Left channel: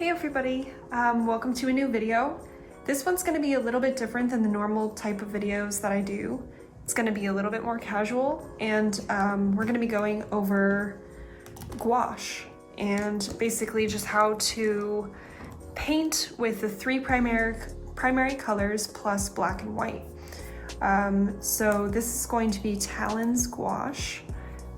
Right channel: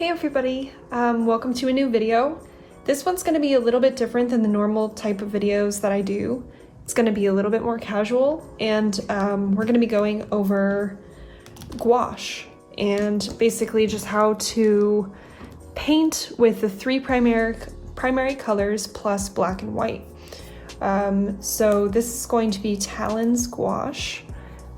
Hey everybody, welcome to a new video. This one's going to be a little bit different than the normal type of videos that I do. It's going to be a little bit more casual, and we're going to be going over gouache and basically just how to paint with the three primary colors plus black and white. So this is going to be Talons Gouache.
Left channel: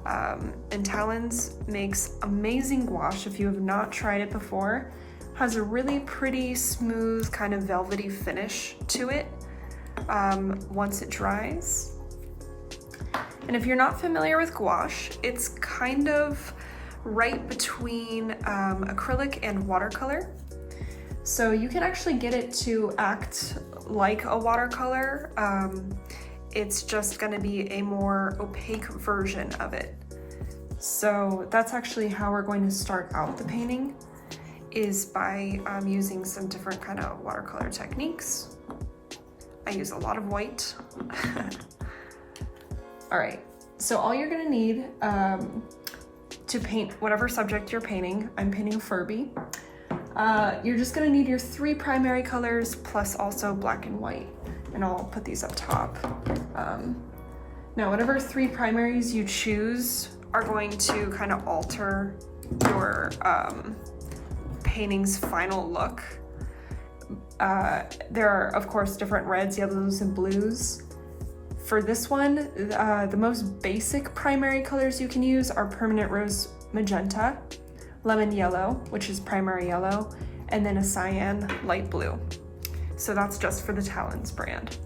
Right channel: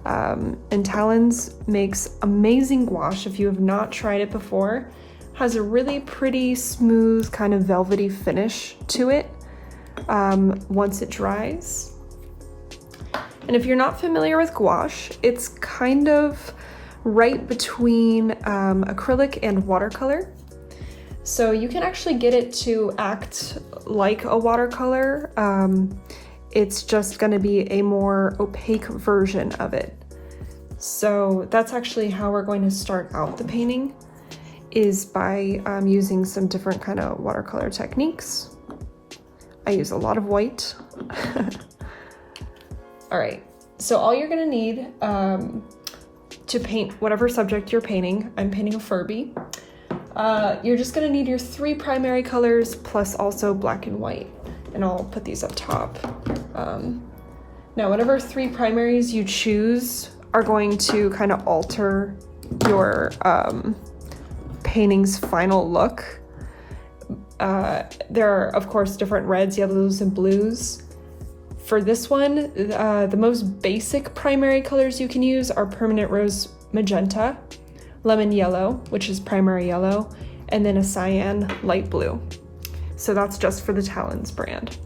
And Talens makes amazing gouache. If you have not tried it before, has a really pretty smooth kind of velvety finish to it once it dries. And if you're not familiar with gouache, it's kind of right between acrylic and watercolor. So you can actually get it to act like a watercolor. It's just going to be a more opaque version of it. So that's actually how we're going to start out the painting, is by using some different kind of watercolor techniques. I use a lot of white. All right, so all you're gonna need to paint whatever subject you're painting, I'm painting a Furby, you're just gonna need your three primary colors plus also black and white. And I'll put these up top. Now, whatever three primaries you choose are going to kind of alter your painting's final look. There are, of course, different reds, yellows, and blues. For this one, the most basic primary colors you can use are permanent rose magenta, lemon yellow, which is primary yellow, and then a cyan light blue. So that's just for the Talens brand.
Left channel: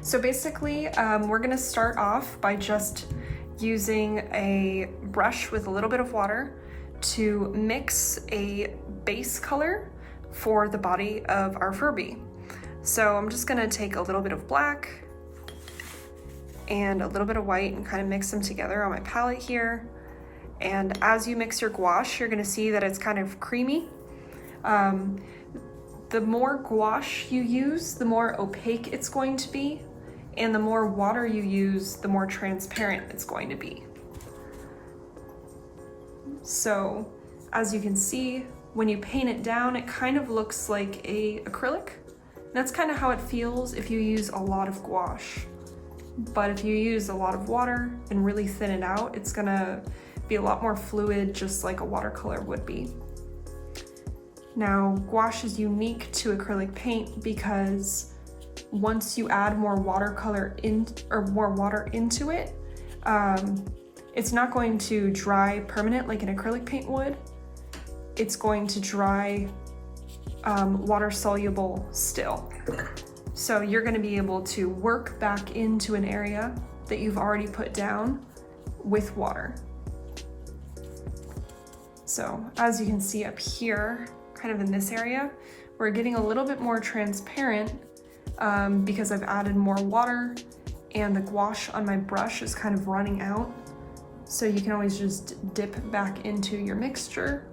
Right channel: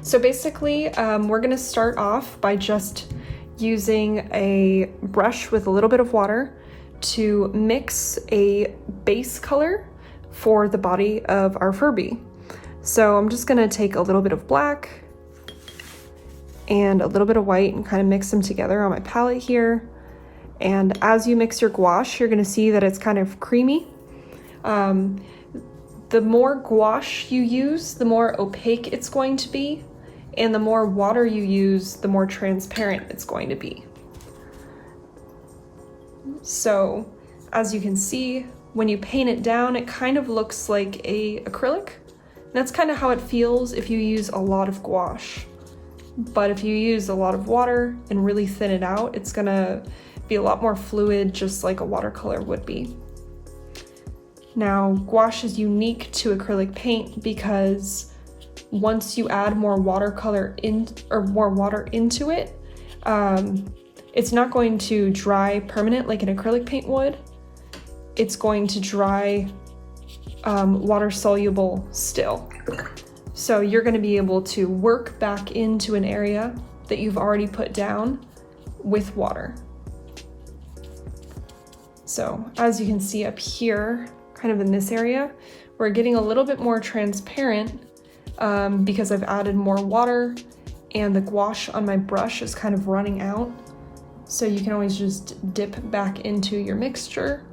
So basically, we're gonna start off by just using a brush with a little bit of water to mix a base color for the body of our Furby. So I'm just gonna take a little bit of black and a little bit of white and kind of mix them together on my palette here. And as you mix your gouache, you're gonna see that it's kind of creamy. The more gouache you use, the more opaque it's going to be, and the more water you use, the more transparent it's going to be. So, as you can see, when you paint it down, it kind of looks like a acrylic. And that's kind of how it feels if you use a lot of gouache. But if you use a lot of water and really thin it out, it's gonna be a lot more fluid, just like a watercolor would be. Now, gouache is unique to acrylic paint because once you add more watercolor in or more water into it, it's not going to dry permanent like an acrylic paint would. It's going to dry water soluble still. So you're going to be able to work back into an area that you've already put down with water. So as you can see up here, kind of in this area, we're getting a little bit more transparent because I've added more water and the gouache on my brush is kind of running out. So you can always just dip back into your mixture.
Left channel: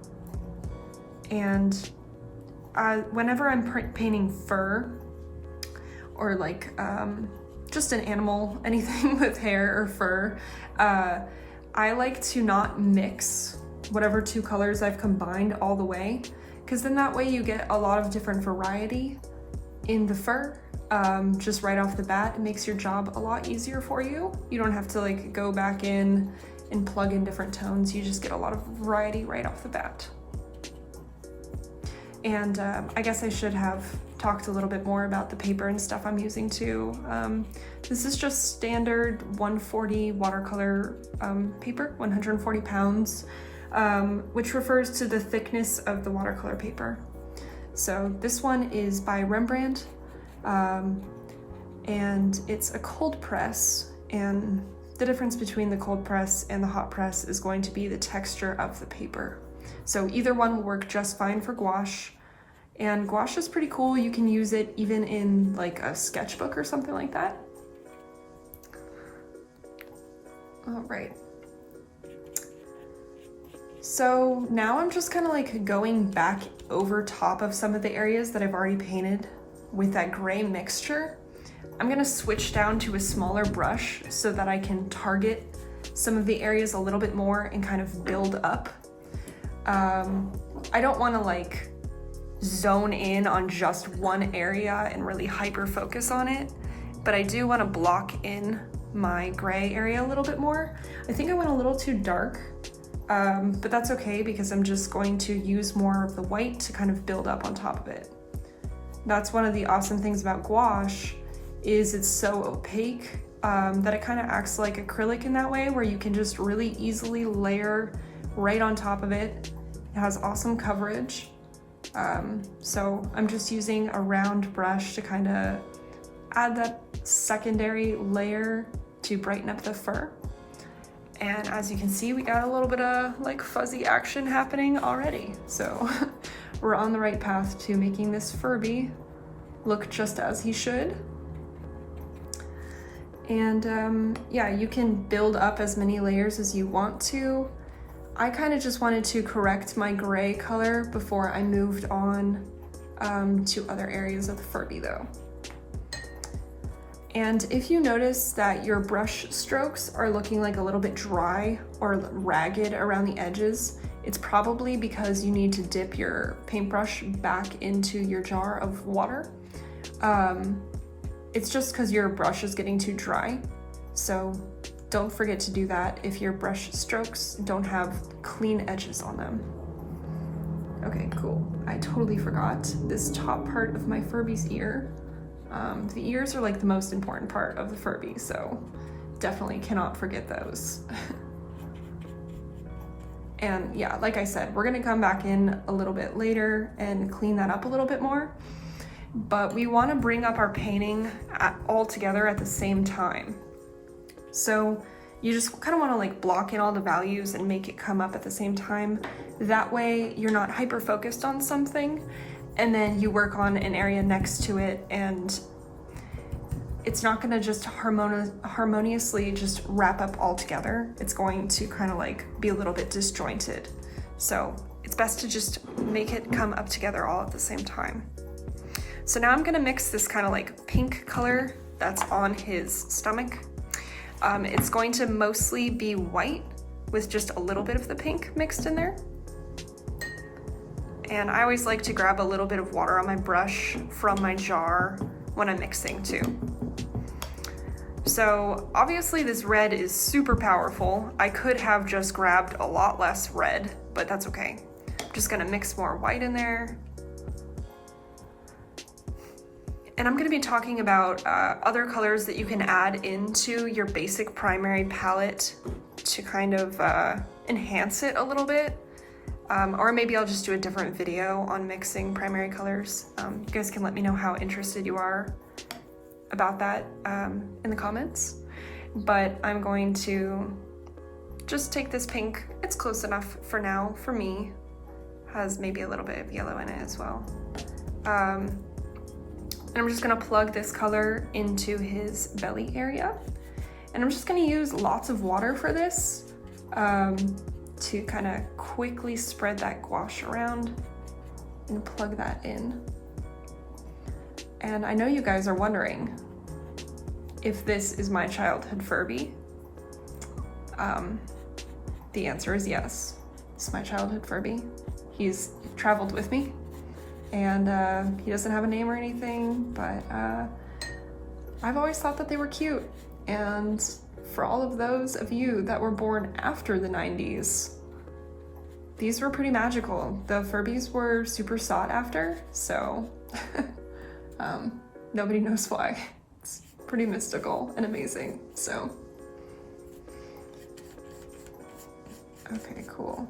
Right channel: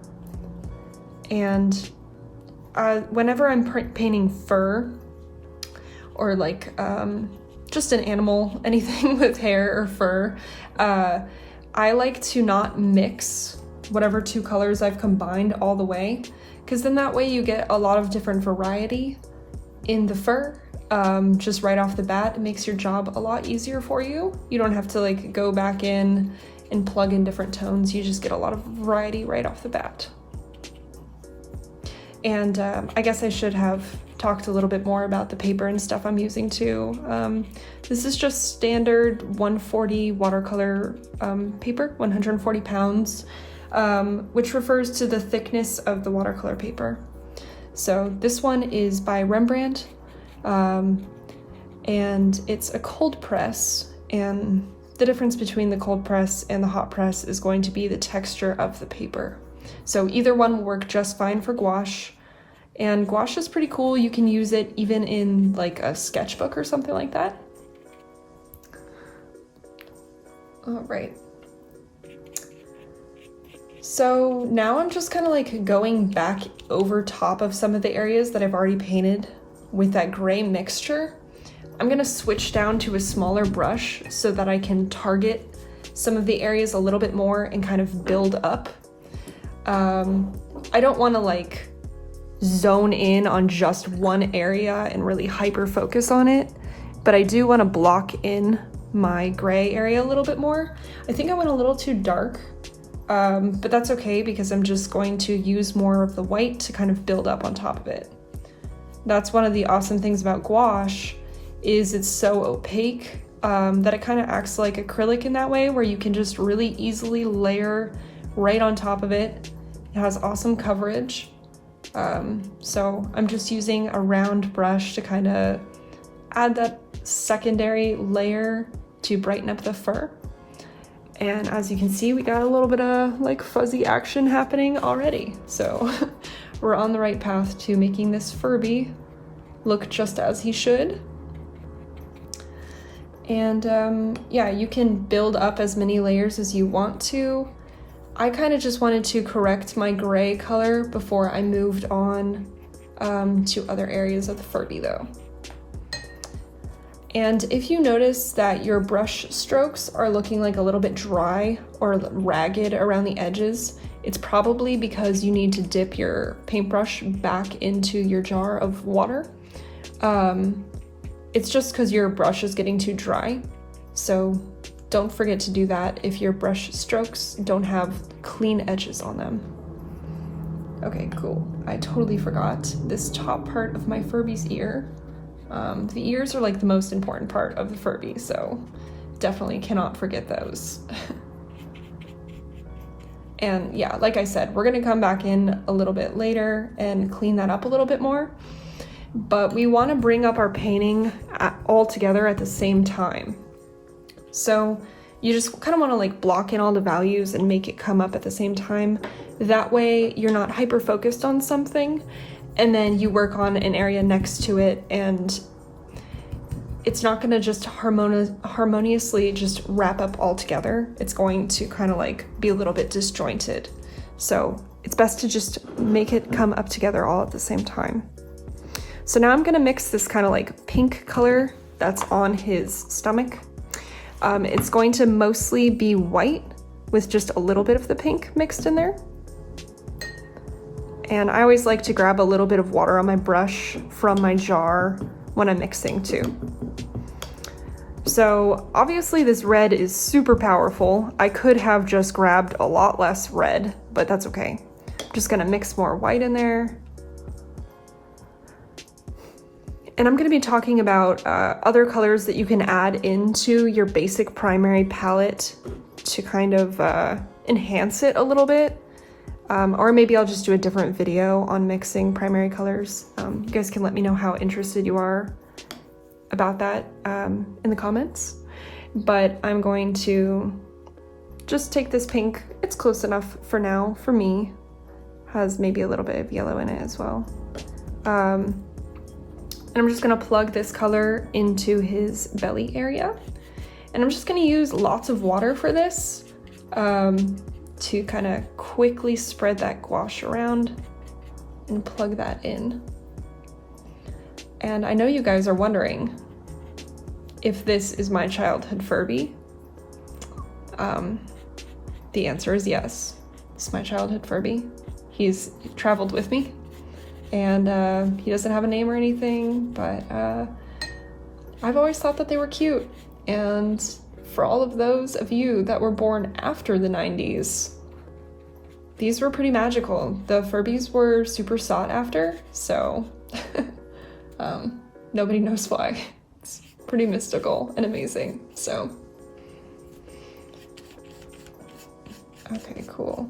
And whenever I'm painting fur or like just an animal, anything with hair or fur, I like to not mix whatever two colors I've combined all the way, because then that way you get a lot of different variety in the fur. Just right off the bat, it makes your job a lot easier for you. You don't have to like go back in and plug in different tones. You just get a lot of variety right off the bat. And I guess I should have talked a little bit more about the paper and stuff I'm using too. This is just standard 140 watercolor paper, 140 pounds, which refers to the thickness of the watercolor paper. So this one is by Rembrandt, and it's a cold press, and the difference between the cold press and the hot press is going to be the texture of the paper. So either one will work just fine for gouache, and gouache is pretty cool. You can use it even in like a sketchbook or something like that. All right. So now I'm just kind of like going back over top of some of the areas that I've already painted with that gray mixture. I'm gonna switch down to a smaller brush so that I can target some of the areas a little bit more and kind of build up. I don't want to like zone in on just one area and really hyper focus on it, but I do want to block in my gray area a little bit more. I think I went a little too dark, but that's okay because I'm just going to use more of the white to kind of build up on top of it. That's one of the awesome things about gouache, is it's so opaque that it kind of acts like acrylic in that way, where you can just really easily layer right on top of it. It has awesome coverage. So I'm just using a round brush to kind of add that secondary layer to brighten up the fur. And as you can see, we got a little bit of like fuzzy action happening already. So we're on the right path to making this Furby look just as he should. And yeah, you can build up as many layers as you want to. I kind of just wanted to correct my gray color before I moved on to other areas of the Furby though. And if you notice that your brush strokes are looking like a little bit dry or ragged around the edges, it's probably because you need to dip your paintbrush back into your jar of water. It's just because your brush is getting too dry. So don't forget to do that if your brush strokes don't have clean edges on them. Okay, cool. I totally forgot this top part of my Furby's ear. The ears are like the most important part of the Furby, so definitely cannot forget those. And yeah, like I said, we're gonna come back in a little bit later and clean that up a little bit more, but we wanna bring up our painting all together at the same time. So you just kind of wanna like block in all the values and make it come up at the same time. That way you're not hyper focused on something, and then you work on an area next to it, and it's not gonna just harmoniously just wrap up all together. It's going to kind of like be a little bit disjointed. So it's best to just make it come up together all at the same time. So now I'm gonna mix this kind of like pink color that's on his stomach. It's going to mostly be white with just a little bit of the pink mixed in there. And I always like to grab a little bit of water on my brush from my jar when I'm mixing too. So obviously this red is super powerful. I could have just grabbed a lot less red, but that's okay. I'm just gonna mix more white in there. And I'm gonna be talking about other colors that you can add into your basic primary palette to kind of enhance it a little bit. Or maybe I'll just do a different video on mixing primary colors. You guys can let me know how interested you are about that in the comments. But I'm going to just take this pink. It's close enough for now, for me. Has maybe a little bit of yellow in it as well. And I'm just gonna plug this color into his belly area. And I'm just gonna use lots of water for this. To kind of quickly spread that gouache around and plug that in. And I know you guys are wondering if this is my childhood Furby. The answer is yes. It's my childhood Furby. He's traveled with me, and he doesn't have a name or anything, but I've always thought that they were cute. And for all of those of you that were born after the 90s, these were pretty magical. The Furbys were super sought after, so nobody knows why. It's pretty mystical and amazing, so. Okay, cool.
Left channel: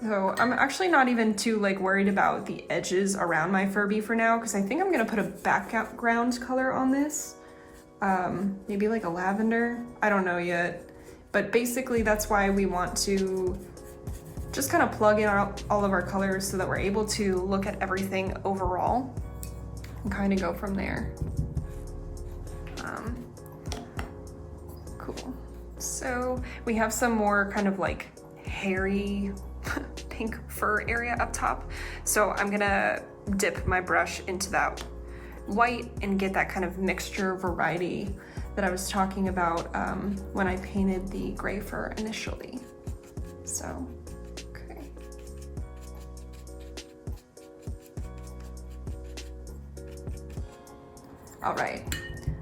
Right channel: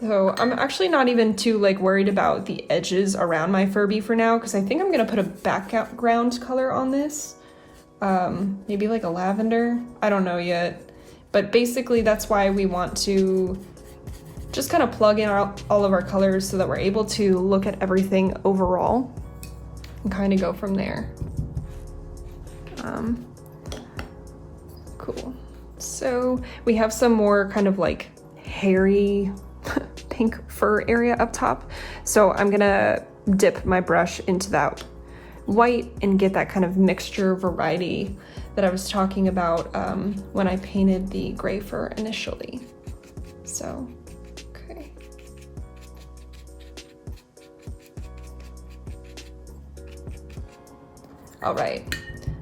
So I'm actually not even too like worried about the edges around my Furby for now, because I think I'm gonna put a background color on this. Maybe like a lavender, I don't know yet. But basically that's why we want to just kind of plug in all of our colors so that we're able to look at everything overall and kind of go from there. Cool. So we have some more kind of like hairy pink fur area up top. So I'm gonna dip my brush into that white and get that kind of mixture variety that I was talking about when I painted the gray fur initially. So, okay. All right,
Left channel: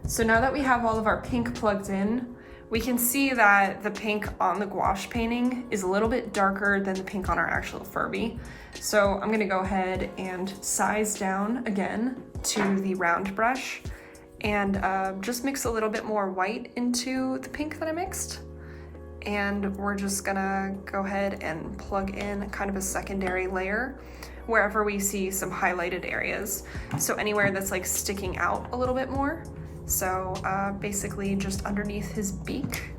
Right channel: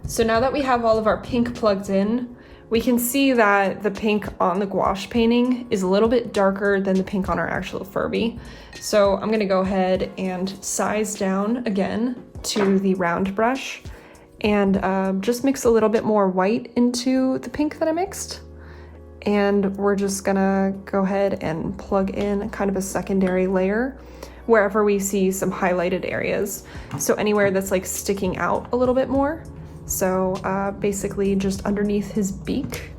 so now that we have all of our pink plugged in, we can see that the pink on the gouache painting is a little bit darker than the pink on our actual Furby. So I'm gonna go ahead and size down again to the round brush and just mix a little bit more white into the pink that I mixed. And we're just gonna go ahead and plug in kind of a secondary layer wherever we see some highlighted areas. So anywhere that's like sticking out a little bit more. So basically just underneath his beak.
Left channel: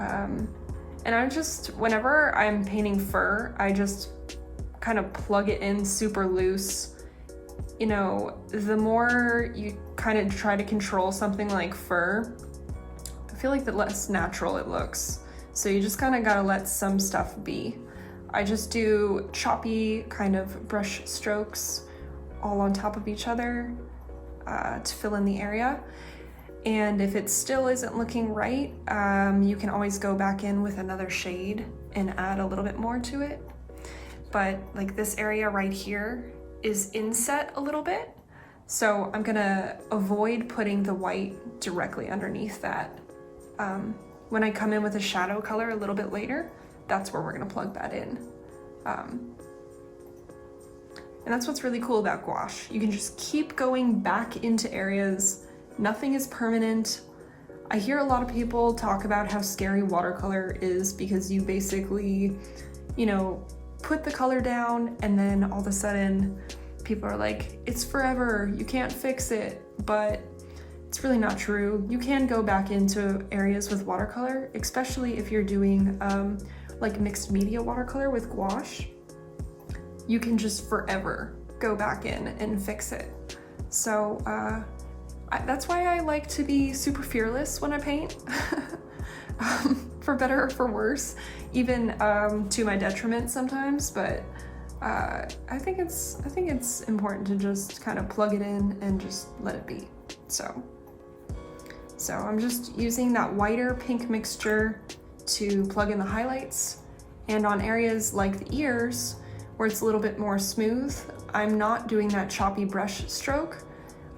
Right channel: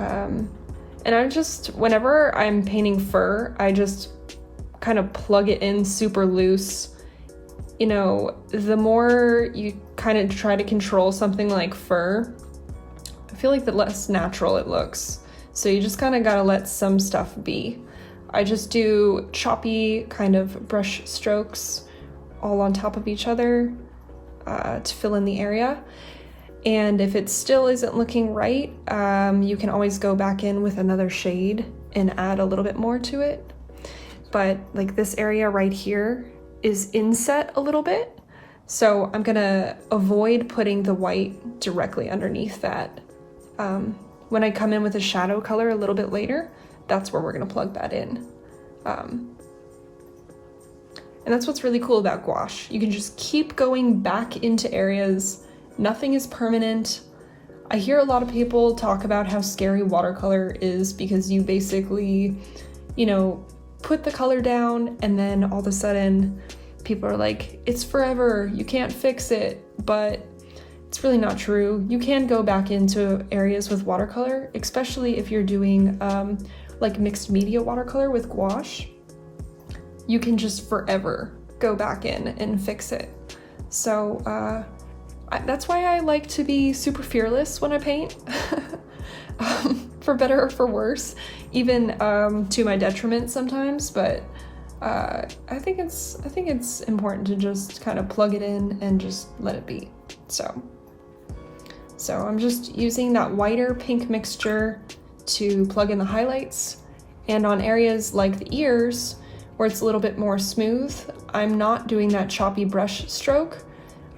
And I just, whenever I'm painting fur, I just kind of plug it in super loose. You know, the more you kind of try to control something like fur, I feel like the less natural it looks. So you just kind of gotta let some stuff be. I just do choppy kind of brush strokes all on top of each other to fill in the area. And if it still isn't looking right, you can always go back in with another shade and add a little bit more to it. But like this area right here is inset a little bit. So I'm gonna avoid putting the white directly underneath that. When I come in with a shadow color a little bit later, that's where we're gonna plug that in. And that's what's really cool about gouache. You can just keep going back into areas. Nothing is permanent. I hear a lot of people talk about how scary watercolor is because you basically, you know, put the color down and then all of a sudden people are like, it's forever, you can't fix it. But it's really not true. You can go back into areas with watercolor, especially if you're doing like mixed media watercolor with gouache. You can just forever go back in and fix it. So that's why I like to be super fearless when I paint, for better or for worse, even to my detriment sometimes. But I think it's important to just kind of plug it in and just let it be. So I'm just using that whiter pink mixture to plug in the highlights, and on areas like the ears where it's a little bit more smooth, I'm not doing that choppy brush stroke.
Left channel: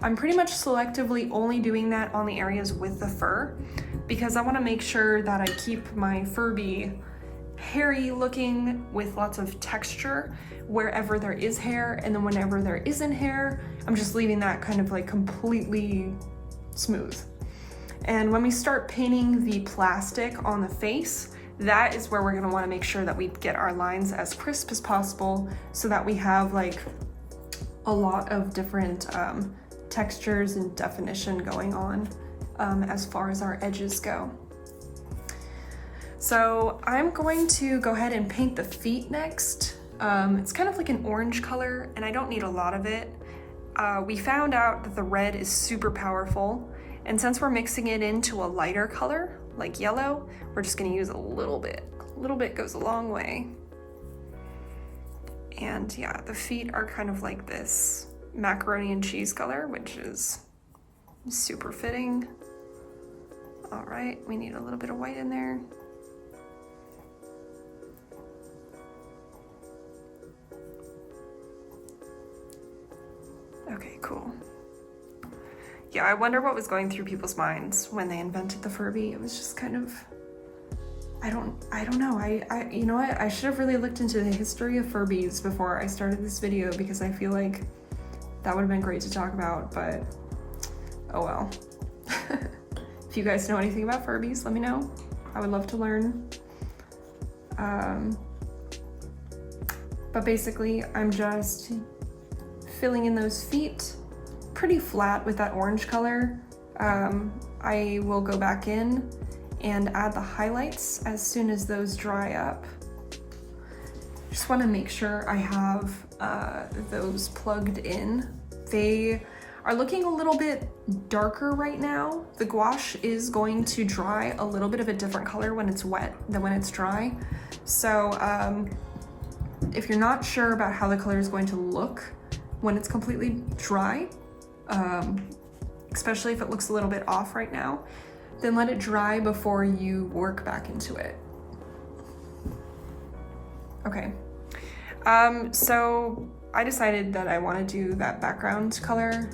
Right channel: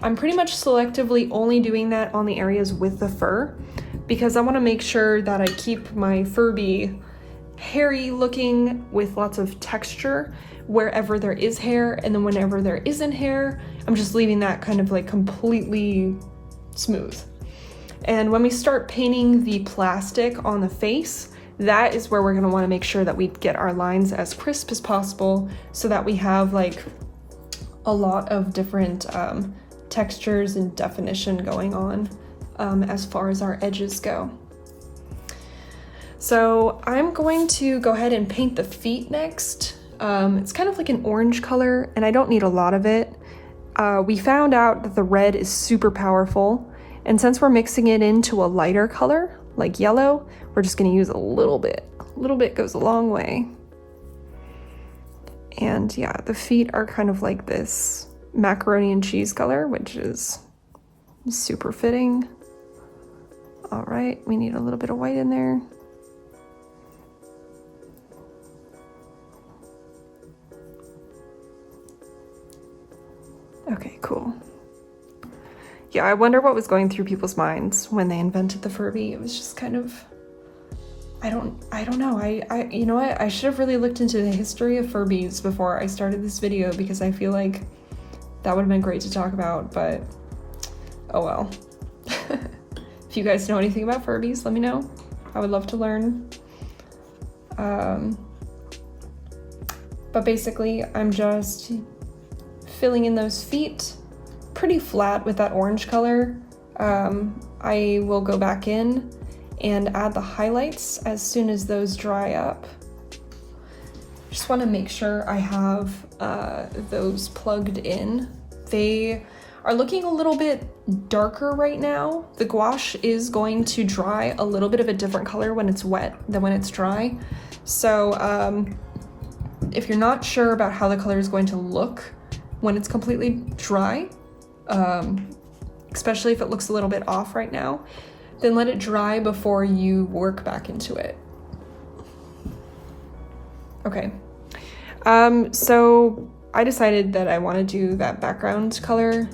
I'm pretty much selectively only doing that on the areas with the fur because I want to make sure that I keep my Furby hairy looking with lots of texture wherever there is hair, and then whenever there isn't hair, I'm just leaving that kind of like completely smooth. And when we start painting the plastic on the face, that is where we're going to want to make sure that we get our lines as crisp as possible so that we have like a lot of different textures and definition going on as far as our edges go. So I'm going to go ahead and paint the feet next. It's kind of like an orange color and I don't need a lot of it. We found out that the red is super powerful, and since we're mixing it into a lighter color like yellow, we're just going to use a little bit. A little bit goes a long way. And yeah, the feet are kind of like this macaroni and cheese color, which is super fitting. All right, we need a little bit of white in there. Okay, cool. Yeah, I wonder what was going through people's minds when they invented the Furby. It was just kind of, I don't know. You know what? I should have really looked into the history of Furbys before I started this video because I feel like that would have been great to talk about, but oh well. If you guys know anything about Furbys, let me know. I would love to learn. But basically, I'm just filling in those feet pretty flat with that orange color. I will go back in and add the highlights as soon as those dry up. Just want to make sure I have those plugged in. They are looking a little bit darker right now. The gouache is going to dry a little bit of a different color when it's wet than when it's dry. So if you're not sure about how the color is going to look when it's completely dry, especially if it looks a little bit off right now, then let it dry before you work back into it. Okay, so I decided that I want to do that background color,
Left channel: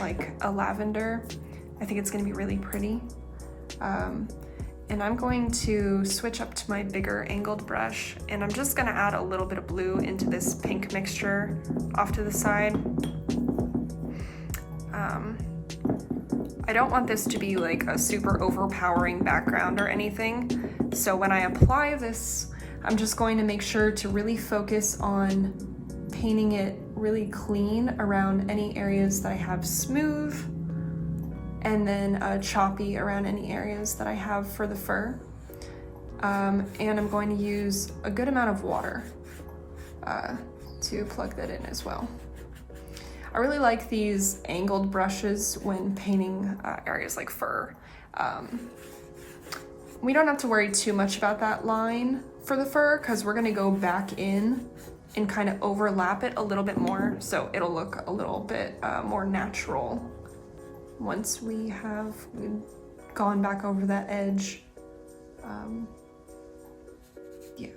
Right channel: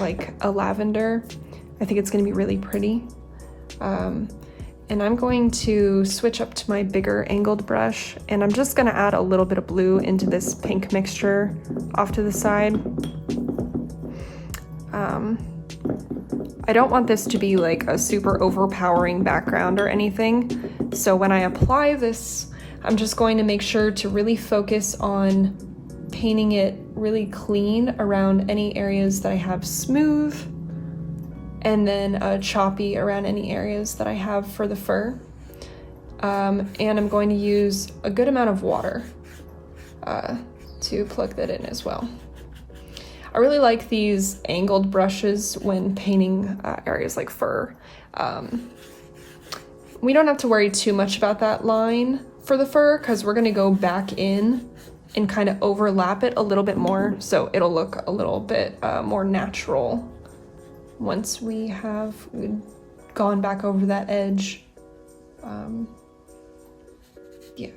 like a lavender. I think it's going to be really pretty. And I'm going to switch up to my bigger angled brush, and I'm just going to add a little bit of blue into this pink mixture off to the side. I don't want this to be like a super overpowering background or anything, so when I apply this, I'm just going to make sure to really focus on painting it really clean around any areas that I have smooth, and then choppy around any areas that I have for the fur. And I'm going to use a good amount of water to plug that in as well. I really like these angled brushes when painting areas like fur. We don't have to worry too much about that line for the fur because we're gonna go back in and kind of overlap it a little bit more, so it'll look a little bit more natural once we have gone back over that edge. Yeah.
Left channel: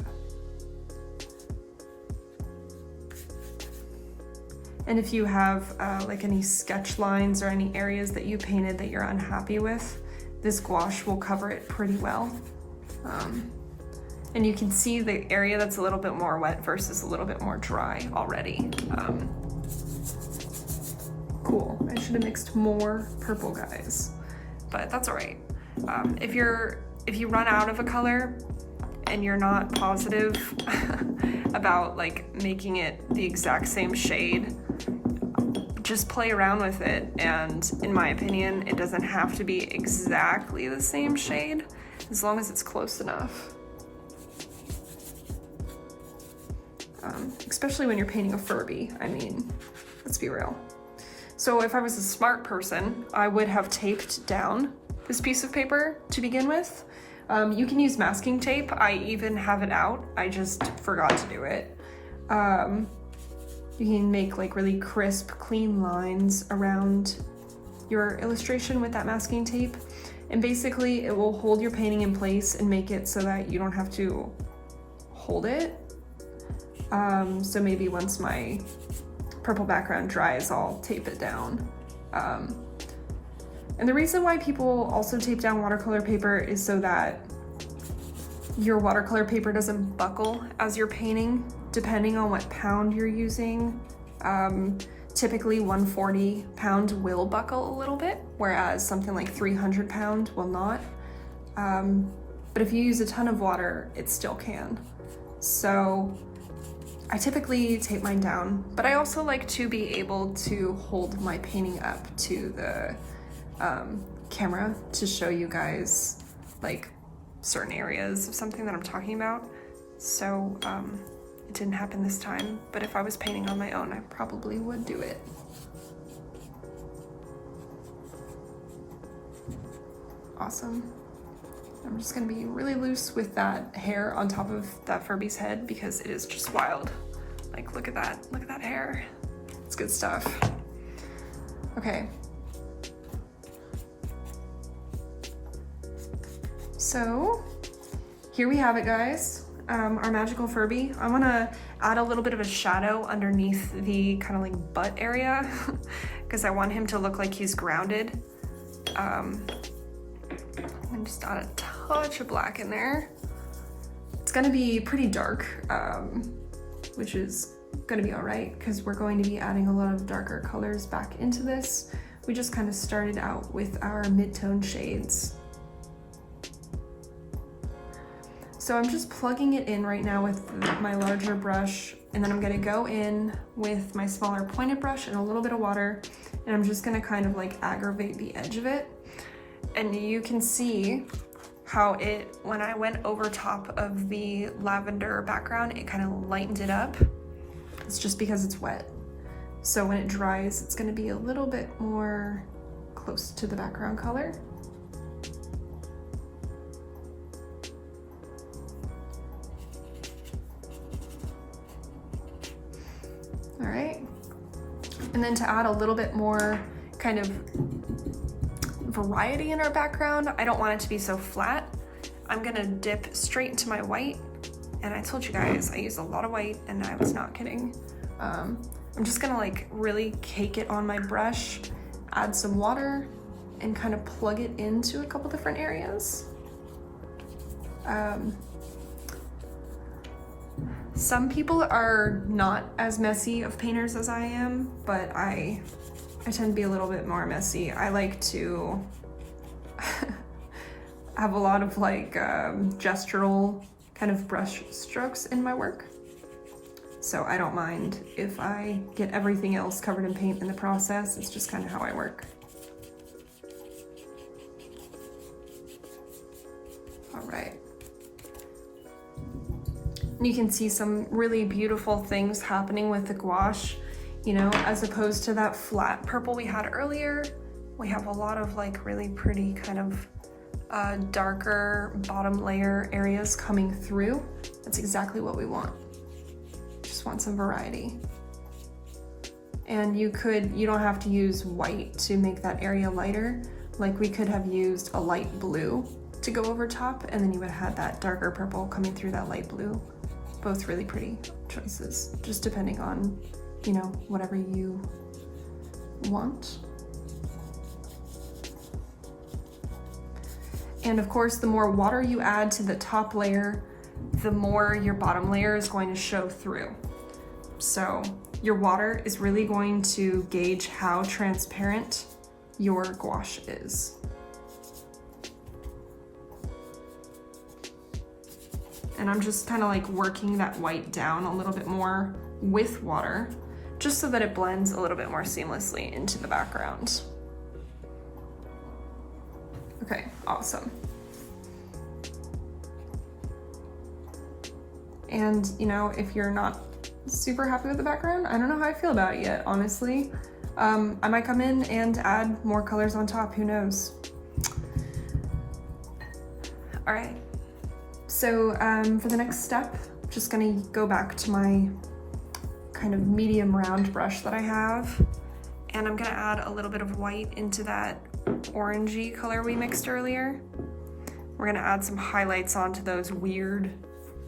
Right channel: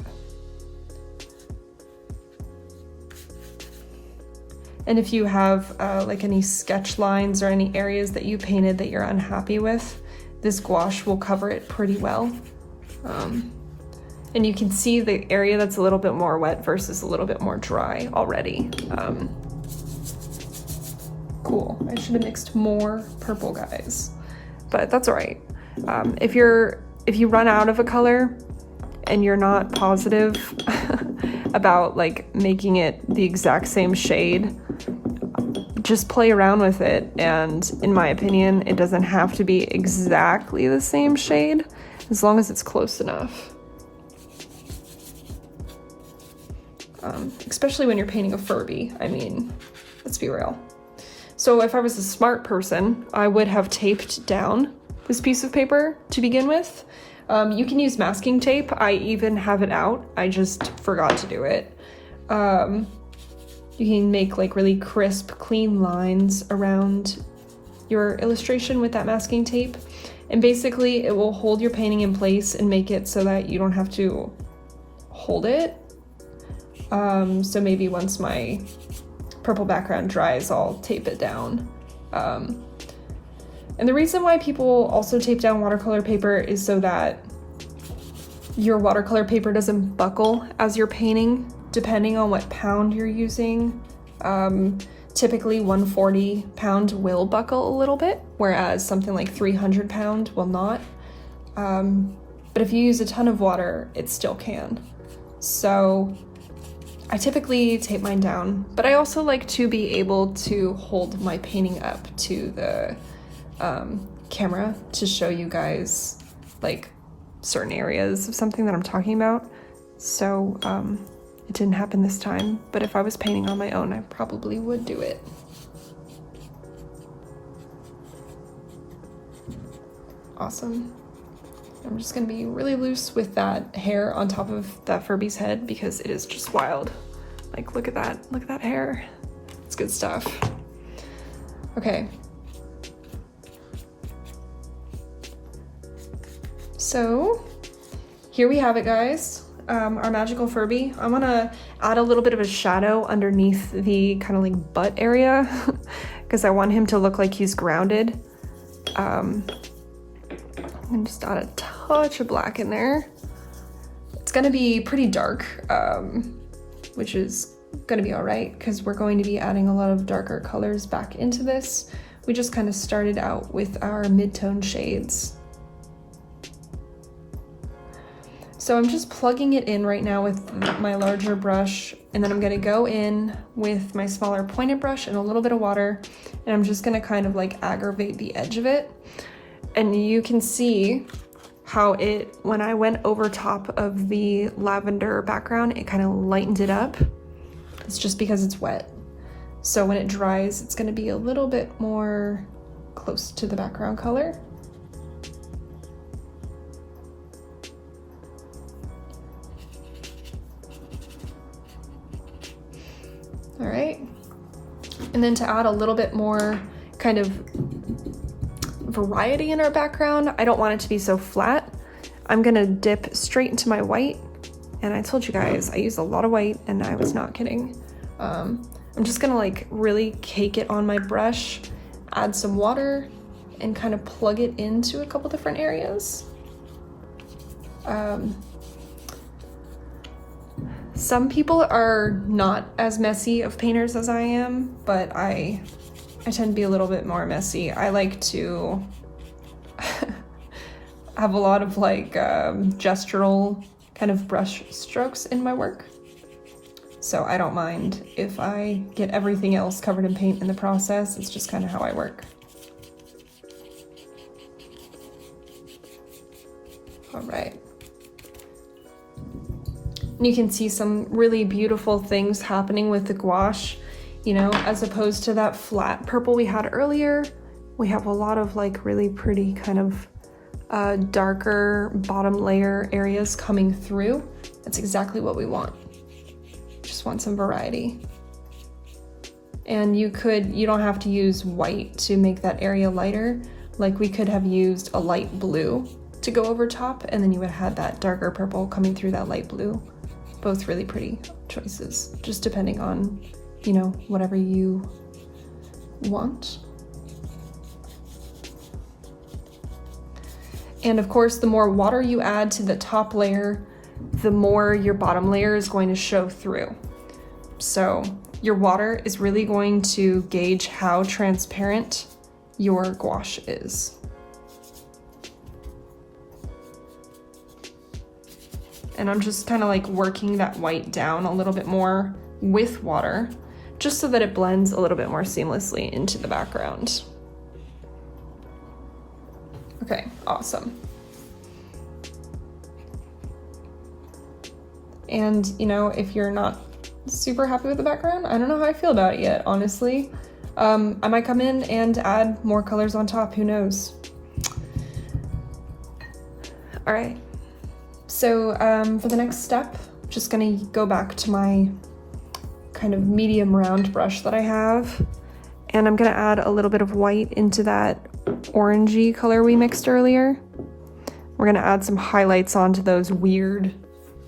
And if you have like any sketch lines or any areas that you painted that you're unhappy with, this gouache will cover it pretty well. And you can see the area that's a little bit more wet versus a little bit more dry already. Cool, I should have mixed more purple, guys, but that's all right. If you run out of a color and you're not positive about like making it the exact same shade, just play around with it, and in my opinion, it doesn't have to be exactly the same shade as long as it's close enough. Especially when you're painting a Furby, I mean, let's be real. So if I was a smart person, I would have taped down this piece of paper to begin with. You can use masking tape. I even have it out. I just forgot to do it. You can make like really crisp, clean lines around your illustration with that masking tape. And basically it will hold your painting in place and make it so that you don't have to hold it. So maybe once my purple background dries, I'll tape it down. And the reason why people also tape down watercolor paper is so that your watercolor paper doesn't buckle as you're painting, depending on what pound you're using. Typically 140 pound will buckle a little bit, whereas something like 300 pound will not. But if you use a ton of water, it still can. So I typically tape mine down, but I also like to be able to hold my painting up to the camera to show you guys like certain areas of something that I'm talking about. So it didn't happen this time, but if I was painting on my own, I probably would do it. Awesome. I'm just gonna be really loose with that hair on top of that Furby's head because it is just wild. Like, look at that hair. It's good stuff. Okay. So here we have it, guys. Our magical Furby. I want to add a little bit of a shadow underneath the kind of like butt area because I want him to look like he's grounded. And just add a touch of black in there. It's gonna be pretty dark, which is gonna be all right because we're going to be adding a lot of darker colors back into this. We just kind of started out with our mid-tone shades. So I'm just plugging it in right now with my larger brush, and then I'm gonna go in with my smaller pointed brush and a little bit of water, and I'm just gonna kind of like aggravate the edge of it. And you can see how it, when I went over top of the lavender background, it kind of lightened it up. It's just because it's wet. So when it dries, it's gonna be a little bit more close to the background color. All right, and then to add a little bit more kind of variety in our background, I don't want it to be so flat. I'm gonna dip straight into my white, and I told you guys I use a lot of white, and I was not kidding. I'm just gonna like really cake it on my brush, add some water, and kind of plug it into a couple different areas. Some people are not as messy of painters as I am, but I tend to be a little bit more messy. I like to have a lot of like gestural kind of brush strokes in my work. So I don't mind if I get everything else covered in paint in the process. It's just kind of how I work. All right. And you can see some really beautiful things happening with the gouache, you know, as opposed to that flat purple we had earlier. We have a lot of like really pretty kind of darker bottom layer areas coming through. That's exactly what we want. Just want some variety. And you don't have to use white to make that area lighter. Like we could have used a light blue to go over top, and then you would have had that darker purple coming through that light blue. Both really pretty choices, just depending on, you know, whatever you want. And of course, the more water you add to the top layer, the more your bottom layer is going to show through. So your water is really going to gauge how transparent your gouache is. And I'm just kind of like working that white down a little bit more with water, just so that it blends a little bit more seamlessly into the background. Okay, awesome. And you know, if you're not super happy with the background, I don't know how I feel about it yet, honestly. I might come in and add more colors on top, who knows? All right. So for the next step, I'm just gonna go back to my kind of medium round brush that I have, and I'm gonna add a little bit of white into that orangey color we mixed earlier. We're gonna add some highlights onto those weird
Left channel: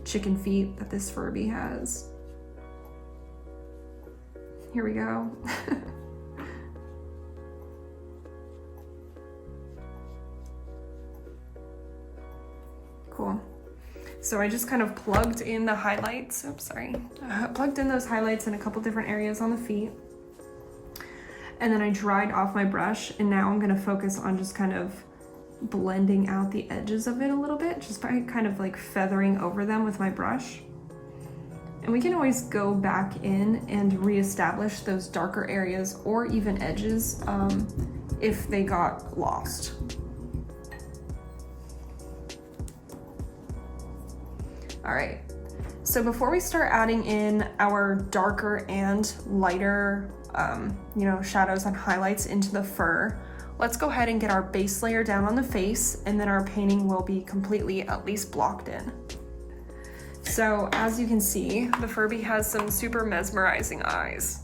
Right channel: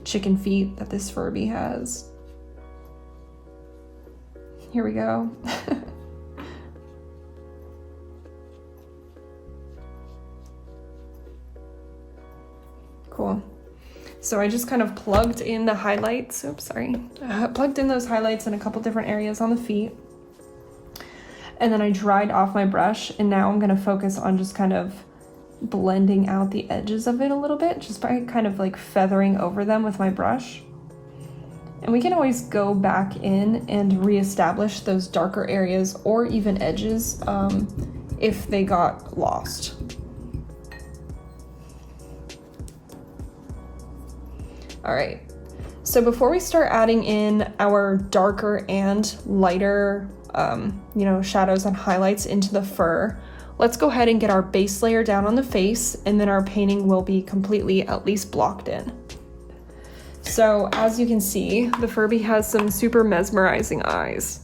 chicken feet that this Furby has. Here we go. Cool. So I just kind of plugged in the highlights, plugged in those highlights in a couple different areas on the feet. And then I dried off my brush, and now I'm gonna focus on just kind of blending out the edges of it a little bit, just by kind of like feathering over them with my brush. And we can always go back in and reestablish those darker areas or even edges if they got lost. All right, so before we start adding in our darker and lighter, you know, shadows and highlights into the fur, let's go ahead and get our base layer down on the face, and then our painting will be completely at least blocked in. So as you can see, the Furby has some super mesmerizing eyes.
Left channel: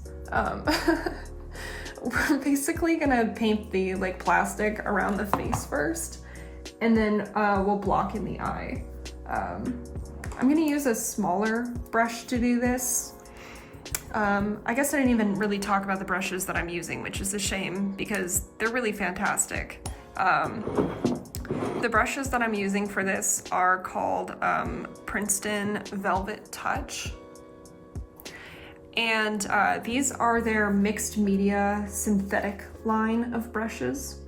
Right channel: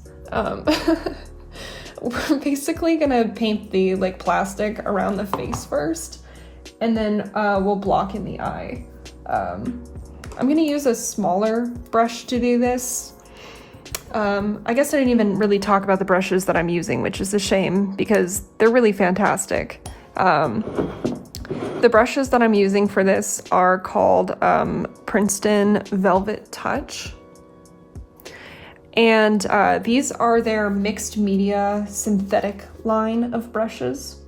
We're basically gonna paint the like plastic around the face first, and then we'll block in the eye. I'm gonna use a smaller brush to do this. I guess I didn't even really talk about the brushes that I'm using, which is a shame because they're really fantastic. The brushes that I'm using for this are called Princeton Velvet Touch. And these are their mixed media synthetic line of brushes.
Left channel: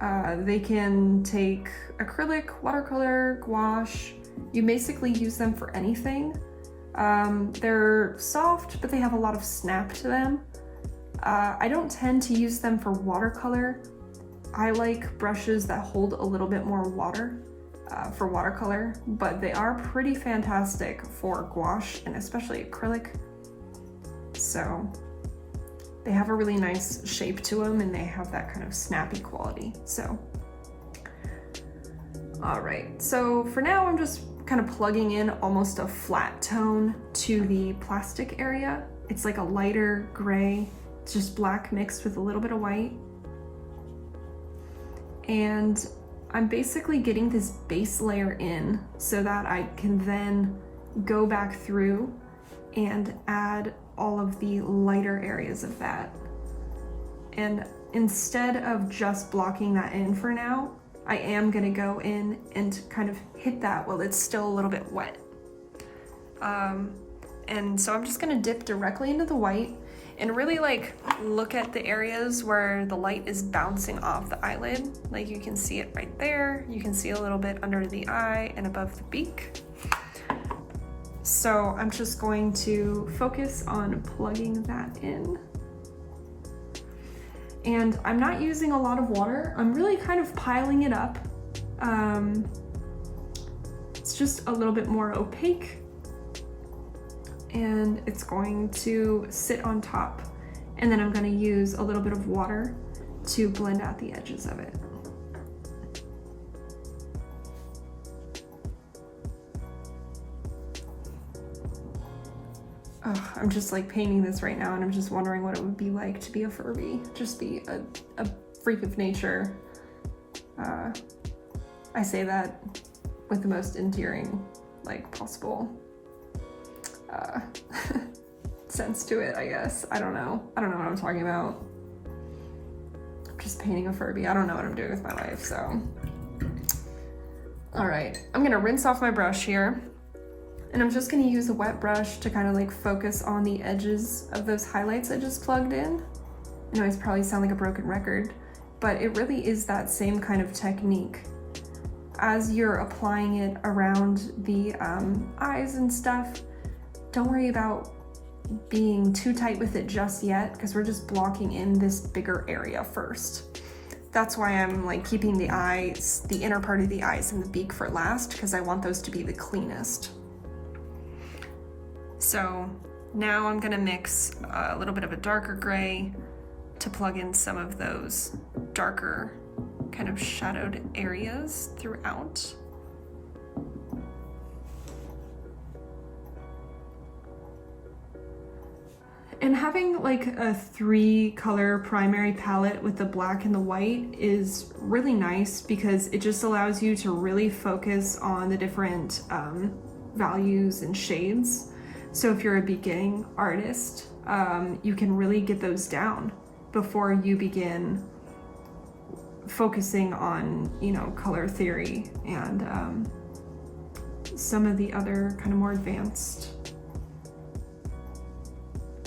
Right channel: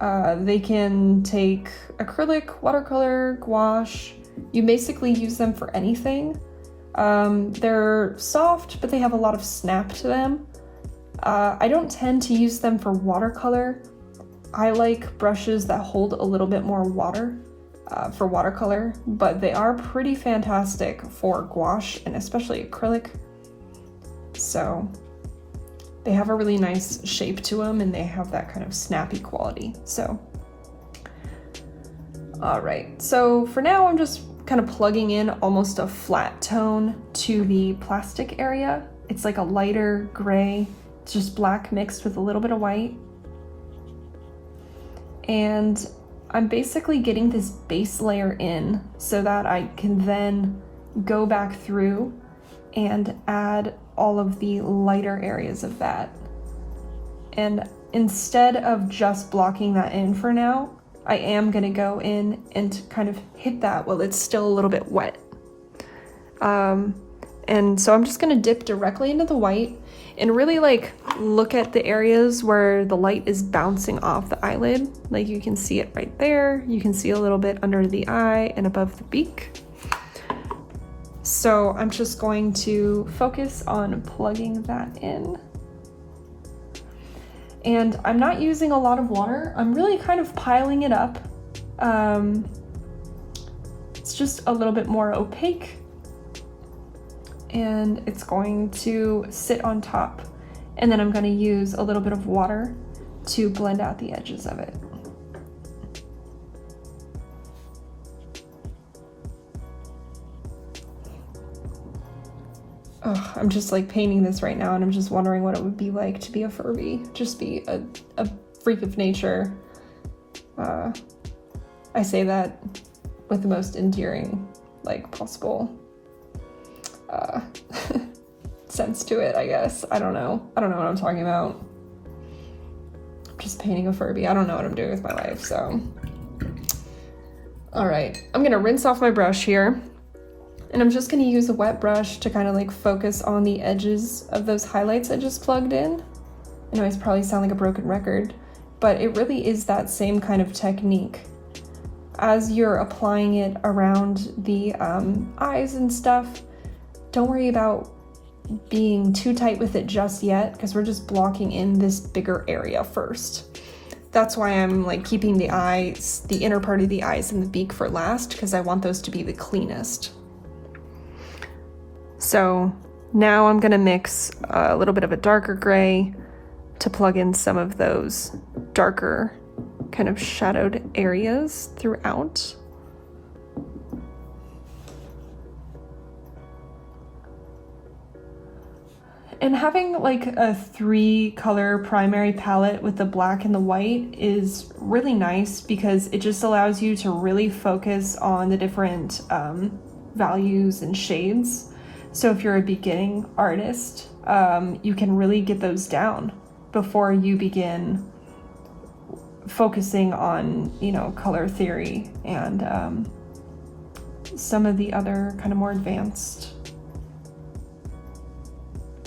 They can take acrylic, watercolor, gouache. You basically use them for anything. They're soft, but they have a lot of snap to them. I don't tend to use them for watercolor. I like brushes that hold a little bit more water for watercolor, but they are pretty fantastic for gouache and especially acrylic. So they have a really nice shape to them, and they have that kind of snappy quality. So, all right. So for now, I'm just kind of plugging in almost a flat tone to the plastic area. It's like a lighter gray. It's just black mixed with a little bit of white. And I'm basically getting this base layer in so that I can then go back through and add all of the lighter areas of that. And instead of just blocking that in for now, I am gonna go in and kind of hit that while it's still a little bit wet. And so I'm just gonna dip directly into the white and really like look at the areas where the light is bouncing off the eyelid. Like you can see it right there. You can see a little bit under the eye and above the beak. So I'm just going to focus on plugging that in. And I'm not using a lot of water. I'm really kind of piling it up. It's just a little bit more opaque, and it's going to sit on top. And then I'm going to use a little bit of water to blend out the edges of it. Oh, I'm just like painting this right now, and I'm just wondering what it would be like to be a Furby. Just be a freak of nature. I say that with the most endearing, like, possible sense to it, I guess. I don't know what I'm talking about. I'm just painting a Furby. I don't know what I'm doing with my life, so. All right, I'm gonna rinse off my brush here. And I'm just gonna use a wet brush to kind of like focus on the edges of those highlights I just plugged in. I know I probably sound like a broken record, but it really is that same kind of technique. As you're applying it around the eyes and stuff, don't worry about being too tight with it just yet, because we're just blocking in this bigger area first. That's why I'm like keeping the eyes, the inner part of the eyes and the beak for last, because I want those to be the cleanest. So now I'm gonna mix a little bit of a darker gray to plug in some of those darker kind of shadowed areas throughout. And having like a 3-color primary palette with the black and the white is really nice, because it just allows you to really focus on the different values and shades. So if you're a beginning artist, you can really get those down before you begin focusing on, you know, color theory and some of the other kind of more advanced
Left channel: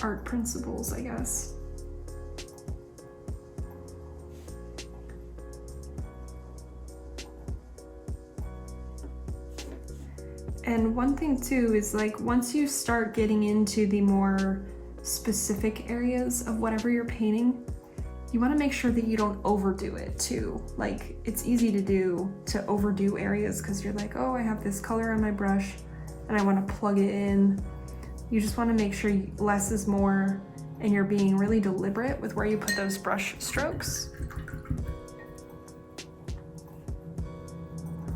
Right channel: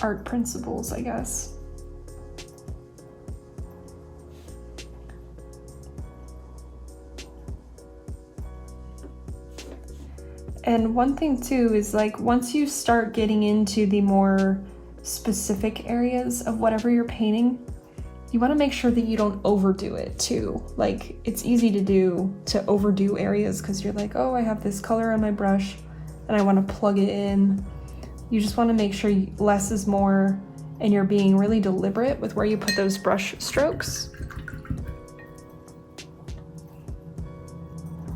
art principles, I guess. And one thing too is like once you start getting into the more specific areas of whatever you're painting, you want to make sure that you don't overdo it too. Like it's easy to overdo areas because you're like, oh, I have this color on my brush and I want to plug it in. You just want to make sure less is more, and you're being really deliberate with where you put those brush strokes.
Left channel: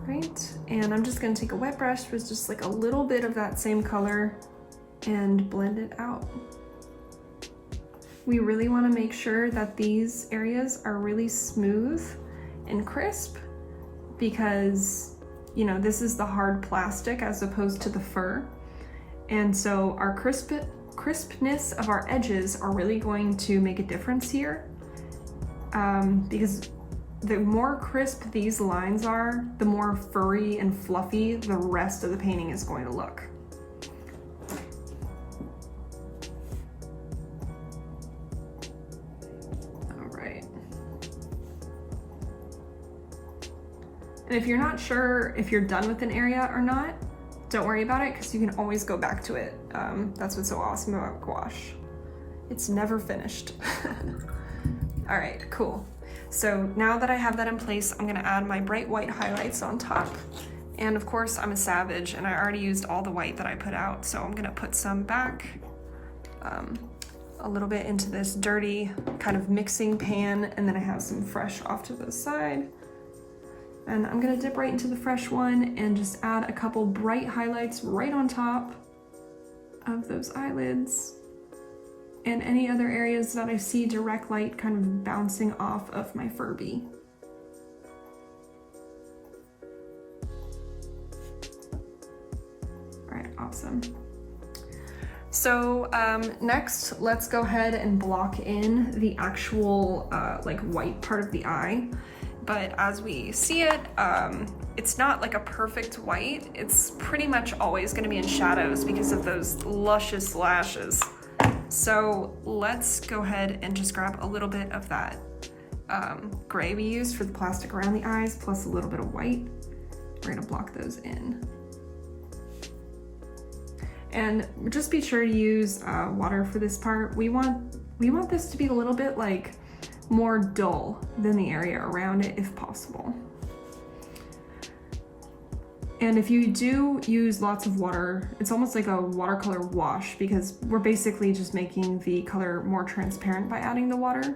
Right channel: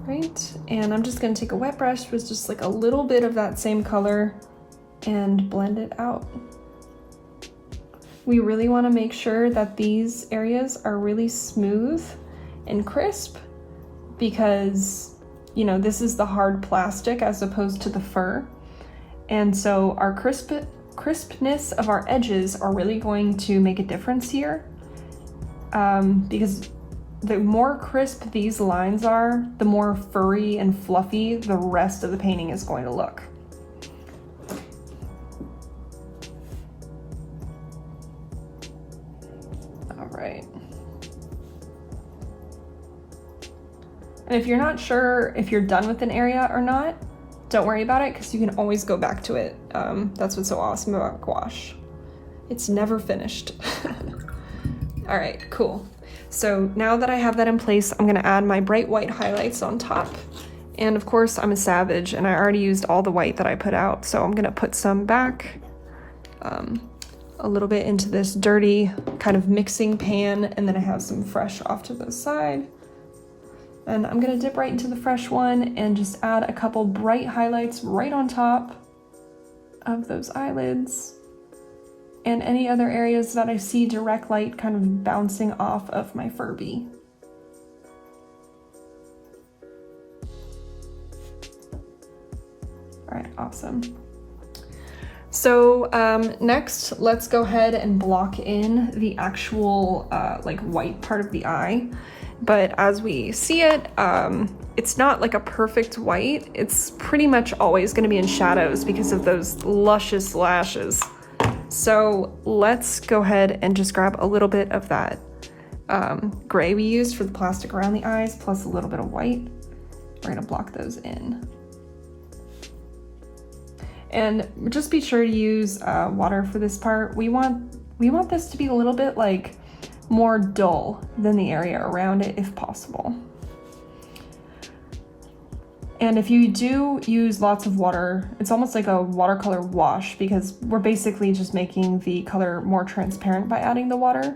Right, and I'm just going to take a wet brush with just like a little bit of that same color and blend it out. We really want to make sure that these areas are really smooth and crisp, because, you know, this is the hard plastic as opposed to the fur. And so our crispness of our edges are really going to make a difference here, because the more crisp these lines are, the more furry and fluffy the rest of the painting is going to look. All right. And if you're not sure if you're done with an area or not, don't worry about it, because you can always go back to it. That's what's so awesome about gouache. It's never finished. All right, cool. So now that I have that in place, I'm gonna add my bright white highlights on top. And of course, I'm a savage and I already used all the white that I put out, so I'm gonna put some back, a little bit into this dirty kind of mixing pan, and then I have some fresh off to the side. And I'm gonna dip right into the fresh one and just add a couple bright highlights right on top of those eyelids and any other areas that I see direct light kind of bouncing off of my Furby. All right, awesome. So next, let's go ahead and block in the actual like white part of the eye. But as we see it, it's not like a perfect white. It's pretty much always going to be in shadows because of those luscious lashes. So let's go ahead and just grab a little bit of that gray we used for the plastic around the eyes, plus a little bit of white. We're going to block those in. And just be sure to use water for this part. We want this to be a little bit like more dull than the area around it if possible. And if you do use lots of water, it's almost like a watercolor wash because we're basically just making the color more transparent by adding the water.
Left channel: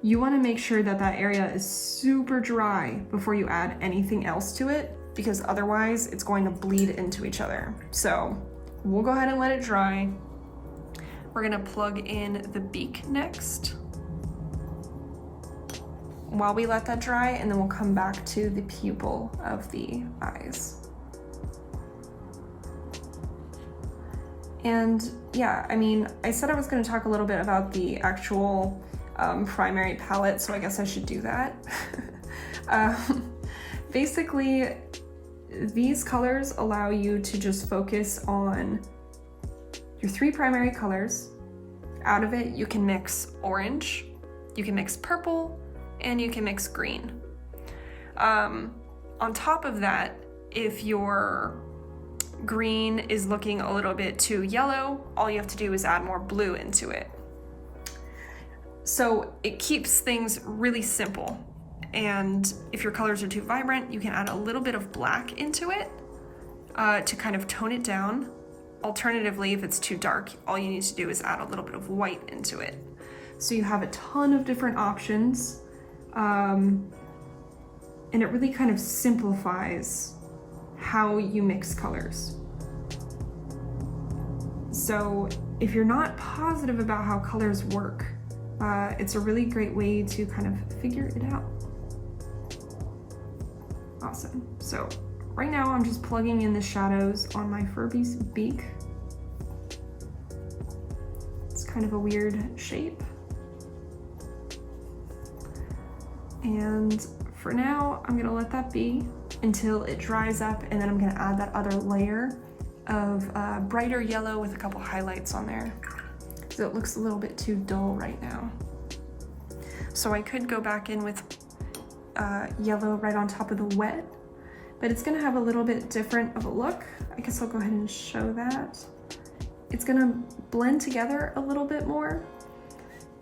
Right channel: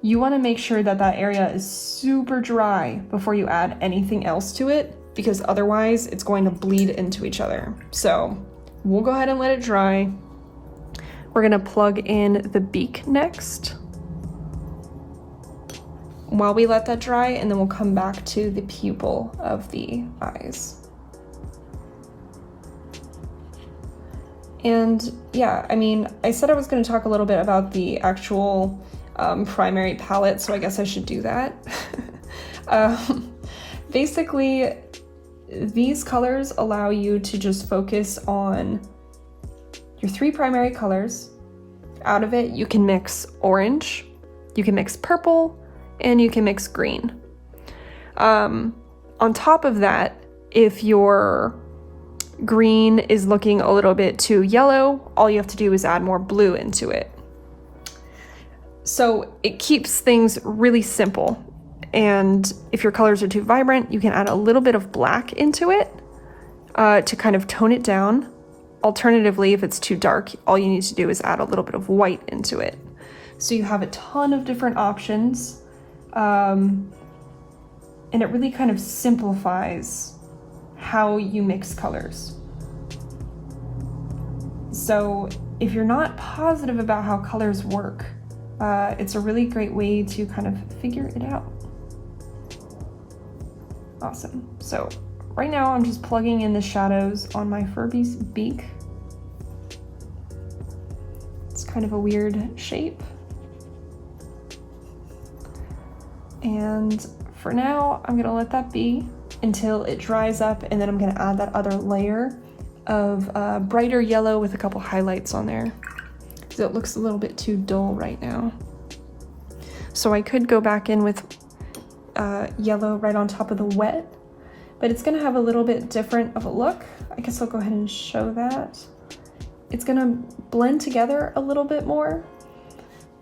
You want to make sure that that area is super dry before you add anything else to it, because otherwise it's going to bleed into each other. So we'll go ahead and let it dry. We're gonna plug in the beak next while we let that dry, and then we'll come back to the pupil of the eyes. And yeah, I mean, I said I was gonna talk a little bit about the actual primary palette, so I guess I should do that. Basically, these colors allow you to just focus on your 3 primary colors. Out of it, you can mix orange, you can mix purple, and you can mix green. On top of that, if your green is looking a little bit too yellow, all you have to do is add more blue into it. So it keeps things really simple. And if your colors are too vibrant, you can add a little bit of black into it to kind of tone it down. Alternatively, if it's too dark, all you need to do is add a little bit of white into it. So you have a ton of different options, and it really kind of simplifies how you mix colors. So if you're not positive about how colors work, it's a really great way to kind of figure it out. Awesome. So right now I'm just plugging in the shadows on my Furby's beak. It's kind of a weird shape. And for now, I'm gonna let that be until it dries up, and then I'm gonna add that other layer of brighter yellow with a couple highlights on there, because it looks a little bit too dull right now. So I could go back in with yellow right on top of the wet, but it's gonna have a little bit different of a look. I guess I'll go ahead and show that. It's gonna blend together a little bit more.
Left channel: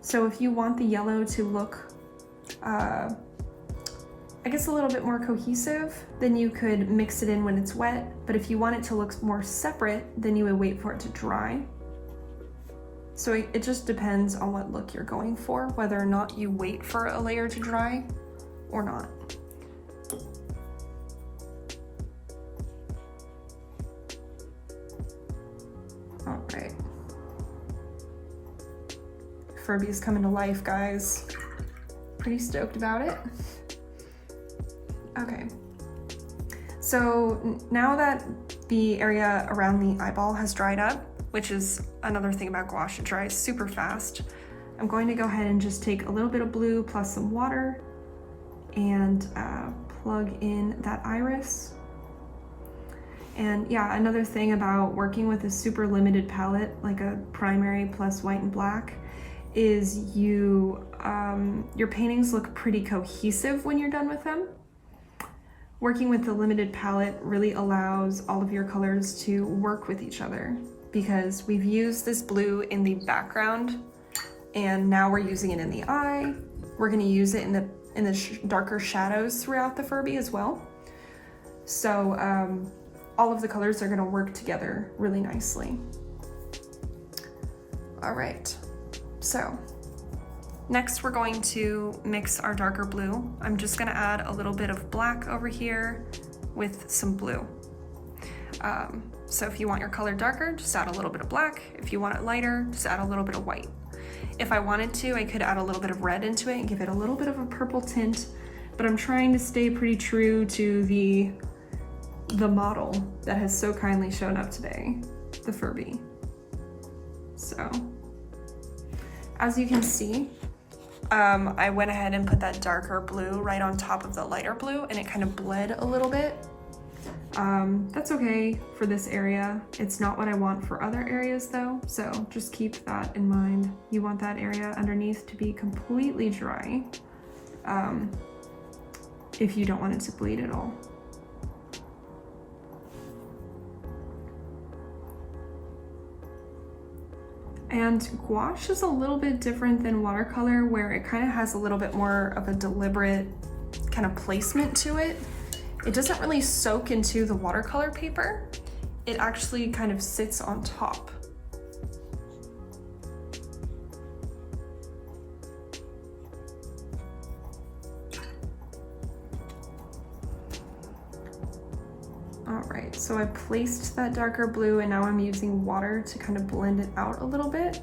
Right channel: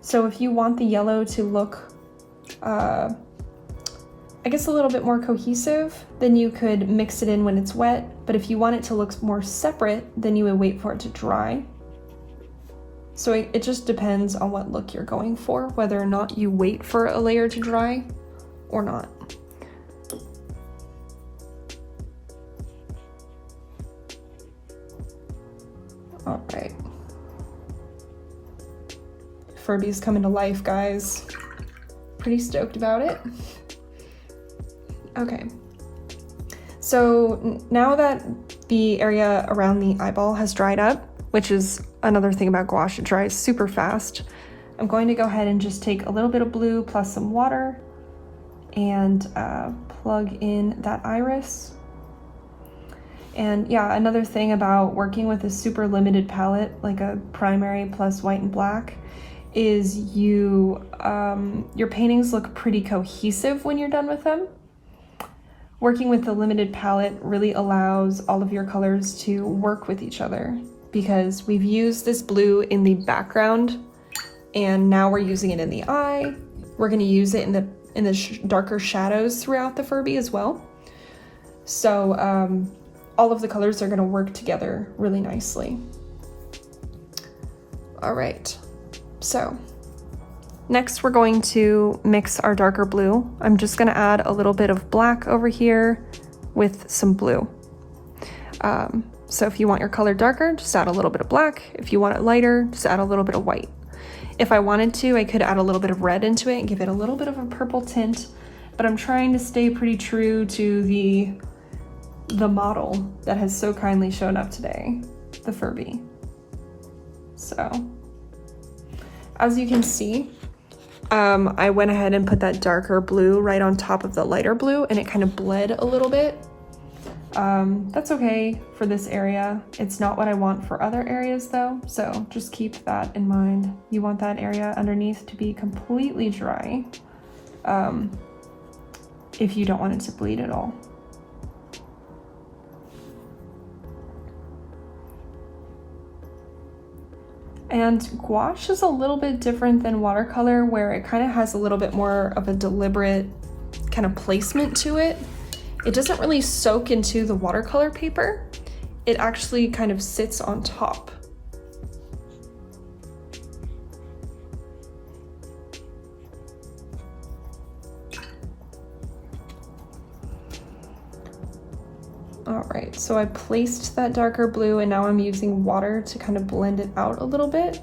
So if you want the yellow to look, I guess a little bit more cohesive, then you could mix it in when it's wet. But if you want it to look more separate, then you would wait for it to dry. So it just depends on what look you're going for, whether or not you wait for a layer to dry or not. All right. Furby's coming to life, guys. Pretty stoked about it. Okay. So now that the area around the eyeball has dried up, which is another thing about gouache, it dries super fast, I'm going to go ahead and just take a little bit of blue plus some water and plug in that iris. And yeah, another thing about working with a super limited palette, like a primary plus white and black, is your paintings look pretty cohesive when you're done with them. Working with the limited palette really allows all of your colors to work with each other, because we've used this blue in the background and now we're using it in the eye. We're going to use it in the darker shadows throughout the Furby as well. So all of the colors are going to work together really nicely. All right, so next we're going to mix our darker blue. I'm just going to add a little bit of black over here with some blue. So if you want your color darker, just add a little bit of black. If you want it lighter, just add a little bit of white. If I wanted to, I could add a little bit of red into it and give it a little bit of a purple tint, but I'm trying to stay pretty true to the model that has so kindly shown up today, the Furby. So as you can see, I went ahead and put that darker blue right on top of the lighter blue, and it kind of bled a little bit. That's okay for this area. It's not what I want for other areas though, so just keep that in mind. You want that area underneath to be completely dry, if you don't want it to bleed at all. And gouache is a little bit different than watercolor, where it kind of has a little bit more of a deliberate kind of placement to it. It doesn't really soak into the watercolor paper. It actually kind of sits on top. All right, so I placed that darker blue and now I'm using water to kind of blend it out a little bit.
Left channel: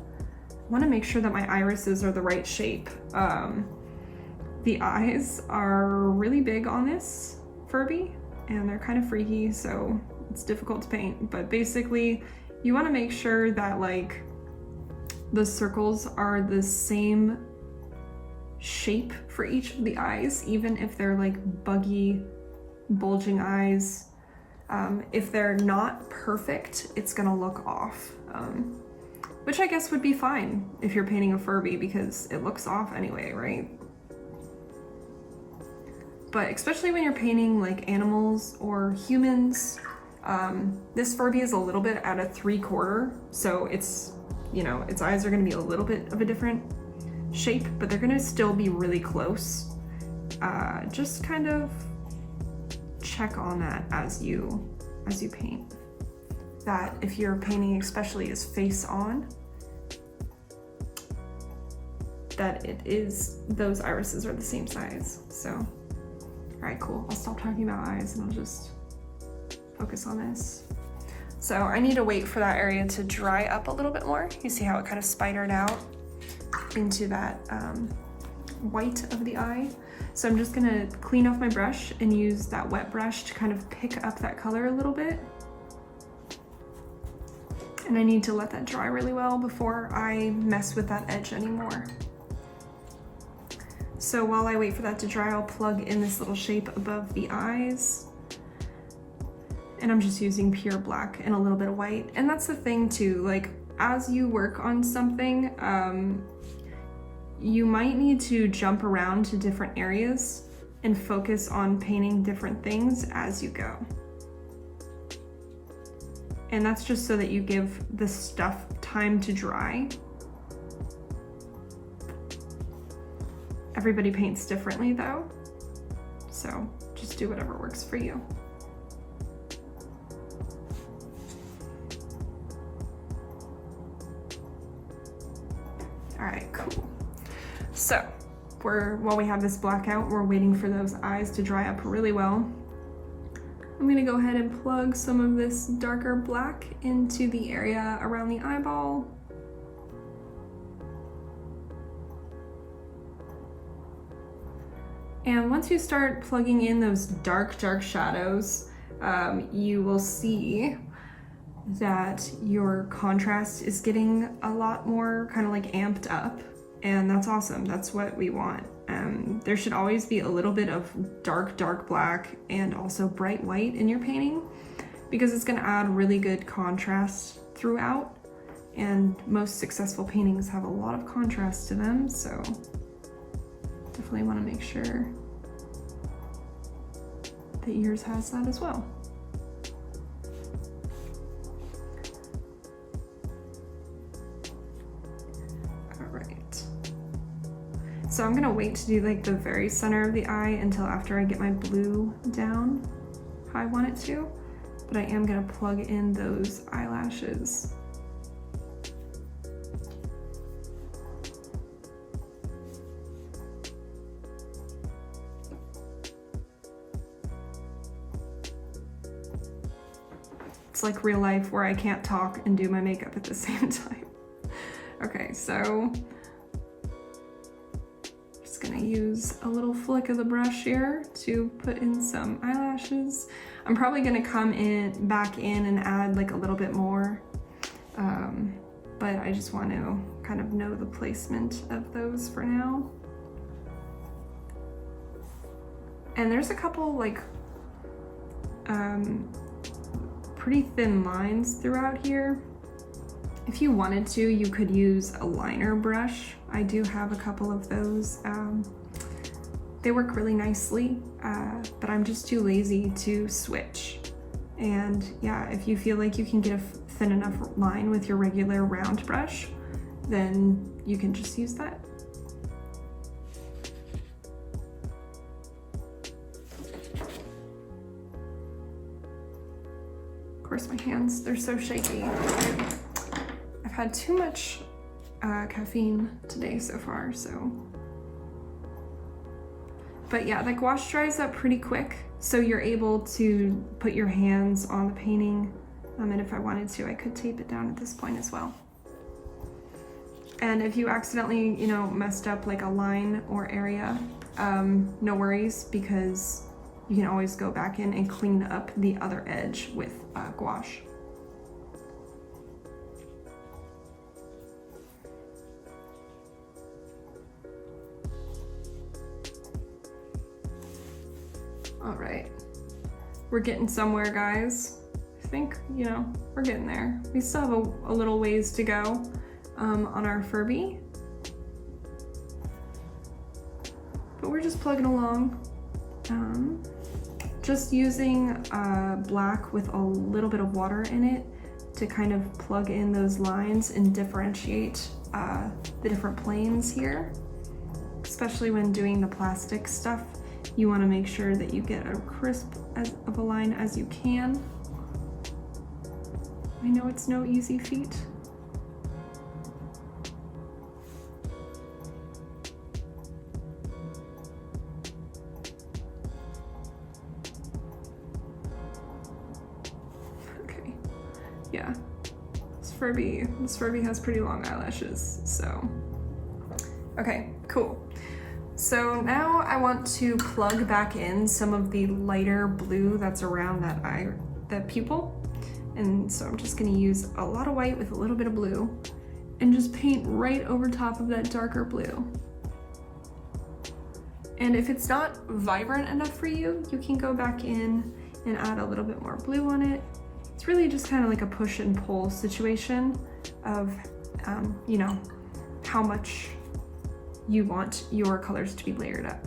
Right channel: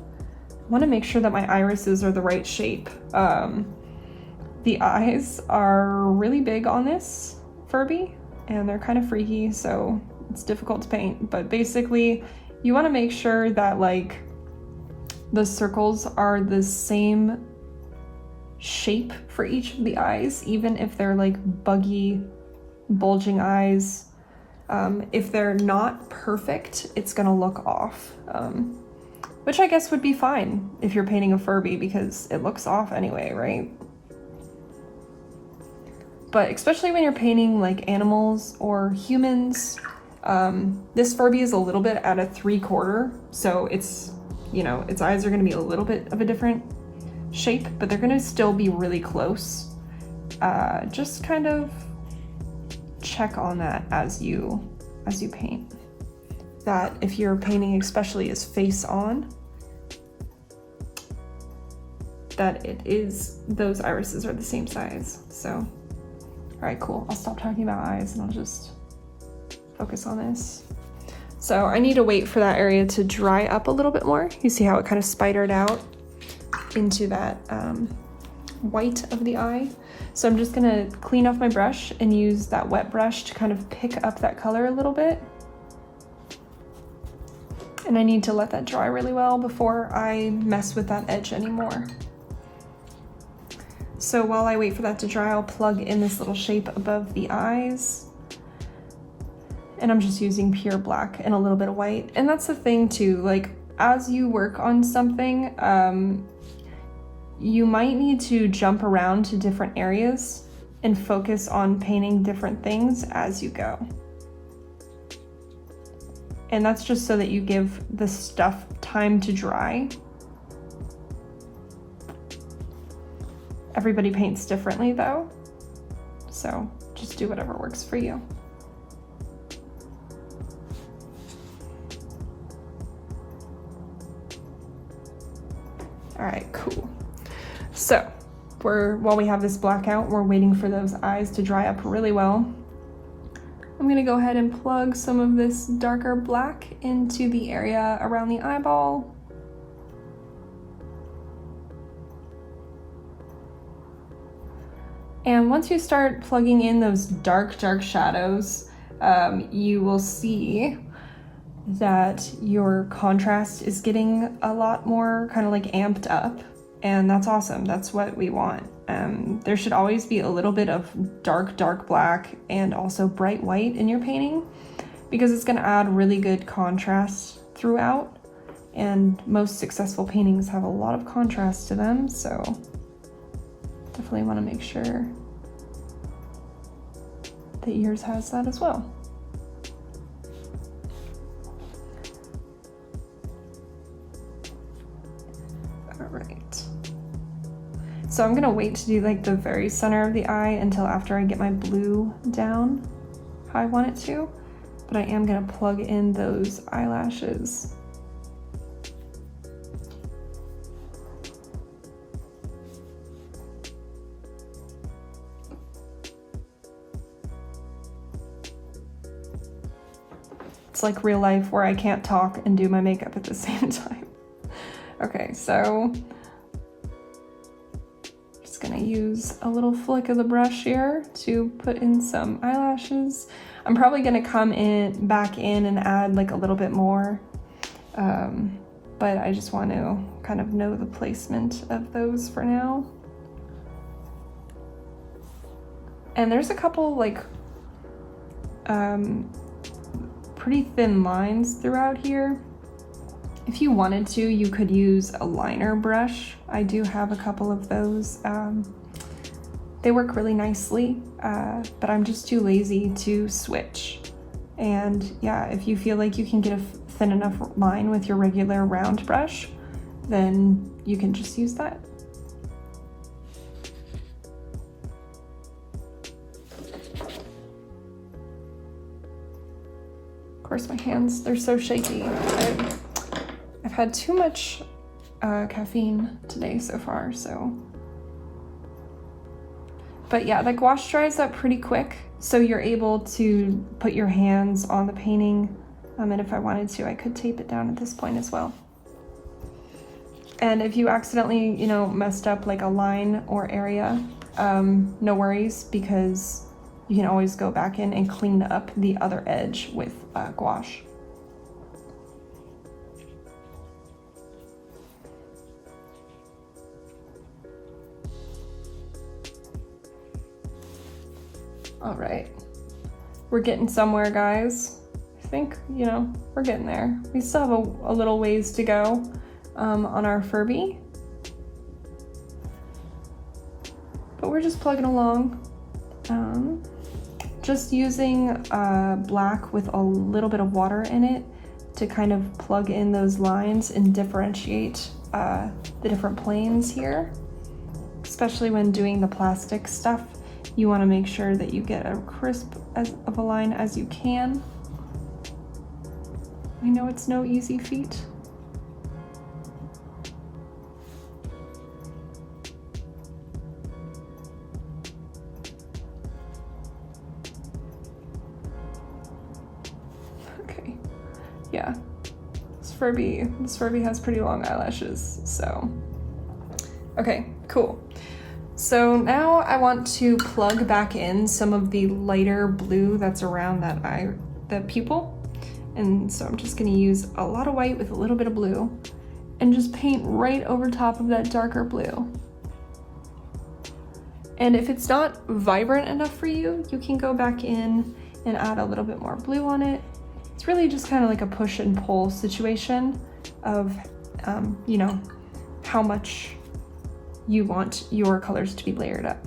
I want to make sure that my irises are the right shape. The eyes are really big on this Furby and they're kind of freaky, so it's difficult to paint, but basically you want to make sure that like the circles are the same shape for each of the eyes, even if they're like buggy, bulging eyes. If they're not perfect, it's gonna look off, which I guess would be fine if you're painting a Furby because it looks off anyway, right? But especially when you're painting like animals or humans, this Furby is a little bit at a 3/4, so it's, you know, its eyes are gonna be a little bit of a different shape, but they're gonna still be really close. Just kind of check on that as you paint. That if you're painting especially as face on, that it is, those irises are the same size. So, all right, cool. I'll stop talking about eyes and I'll just focus on this. So I need to wait for that area to dry up a little bit more. You see how it kind of spidered out into that white of the eye. So I'm just gonna clean off my brush and use that wet brush to kind of pick up that color a little bit. And I need to let that dry really well before I mess with that edge anymore. So while I wait for that to dry, I'll plug in this little shape above the eyes. And I'm just using pure black and a little bit of white. And that's the thing too, like as you work on something, you might need to jump around to different areas and focus on painting different things as you go. And that's just so that you give the stuff time to dry. Everybody paints differently though, so just do whatever works for you. All right, cool. So while we have this blackout, we're waiting for those eyes to dry up really well. I'm gonna go ahead and plug some of this darker black into the area around the eyeball. And once you start plugging in those dark shadows, you will see that your contrast is getting a lot more kind of like amped up. And that's awesome. That's what we want. There should always be a little bit of dark black and also bright white in your painting because it's going to add really good contrast throughout. And most successful paintings have a lot of contrast to them, so definitely want to make sure that yours has that as well. So I'm gonna wait to do like the very center of the eye until after I get my blue down how I want it to, but I am gonna plug in those eyelashes. It's like real life where I can't talk and do my makeup at the same time. Okay, so gonna use a little flick of the brush here to put in some eyelashes. I'm probably gonna come back in and add like a little bit more but I just want to kind of know the placement of those for now. And there's a couple like pretty thin lines throughout here. If you wanted to, you could use a liner brush. I do have a couple of those. They work really nicely, but I'm just too lazy to switch. And yeah, if you feel like you can get a thin enough line with your regular round brush, then you can just use that. Of course, my hands, they're so shaky. I've had too much caffeine today so far, so. But yeah, the gouache dries up pretty quick, so you're able to put your hands on the painting. And if I wanted to, I could tape it down at this point as well. And if you accidentally, you know, messed up like a line or area, no worries, because you can always go back in and clean up the other edge with gouache. All right, we're getting somewhere, guys. I think, you know, we're getting there. We still have a little ways to go on our Furby, but we're just plugging along. Just using black with a little bit of water in it to kind of plug in those lines and differentiate the different planes here, especially when doing the plastic stuff. You want to make sure that you get a crisp of a line as you can. I know it's no easy feat. Okay, yeah, this Furby has pretty long eyelashes, so. Okay, cool. So now I want to plug back in some of the lighter blue that's around that eye, the pupil. And so I'm just gonna use a lot of white with a little bit of blue and just paint right over top of that darker blue. And if it's not vibrant enough for you, you can go back in and add a little bit more blue on it. It's really just kind of like a push and pull situation of, you know, how much you want your colors to be layered up.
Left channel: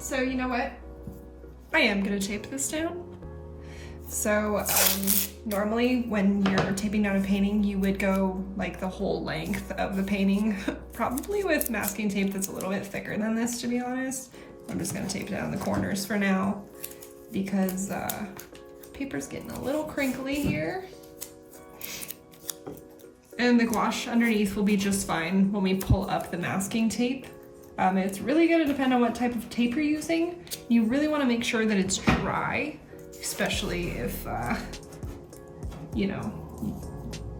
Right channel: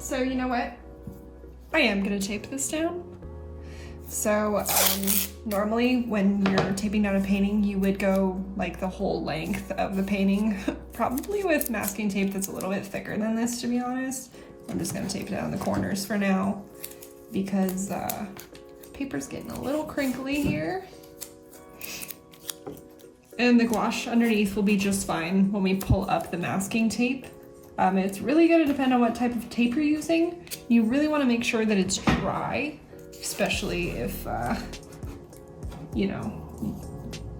So you know what? I am gonna tape this down. So normally when you're taping down a painting, you would go like the whole length of the painting, probably with masking tape that's a little bit thicker than this, to be honest. I'm just gonna tape down the corners for now because paper's getting a little crinkly here. And the gouache underneath will be just fine when we pull up the masking tape. It's really gonna depend on what type of tape you're using. You really wanna make sure that it's dry, especially if, you know,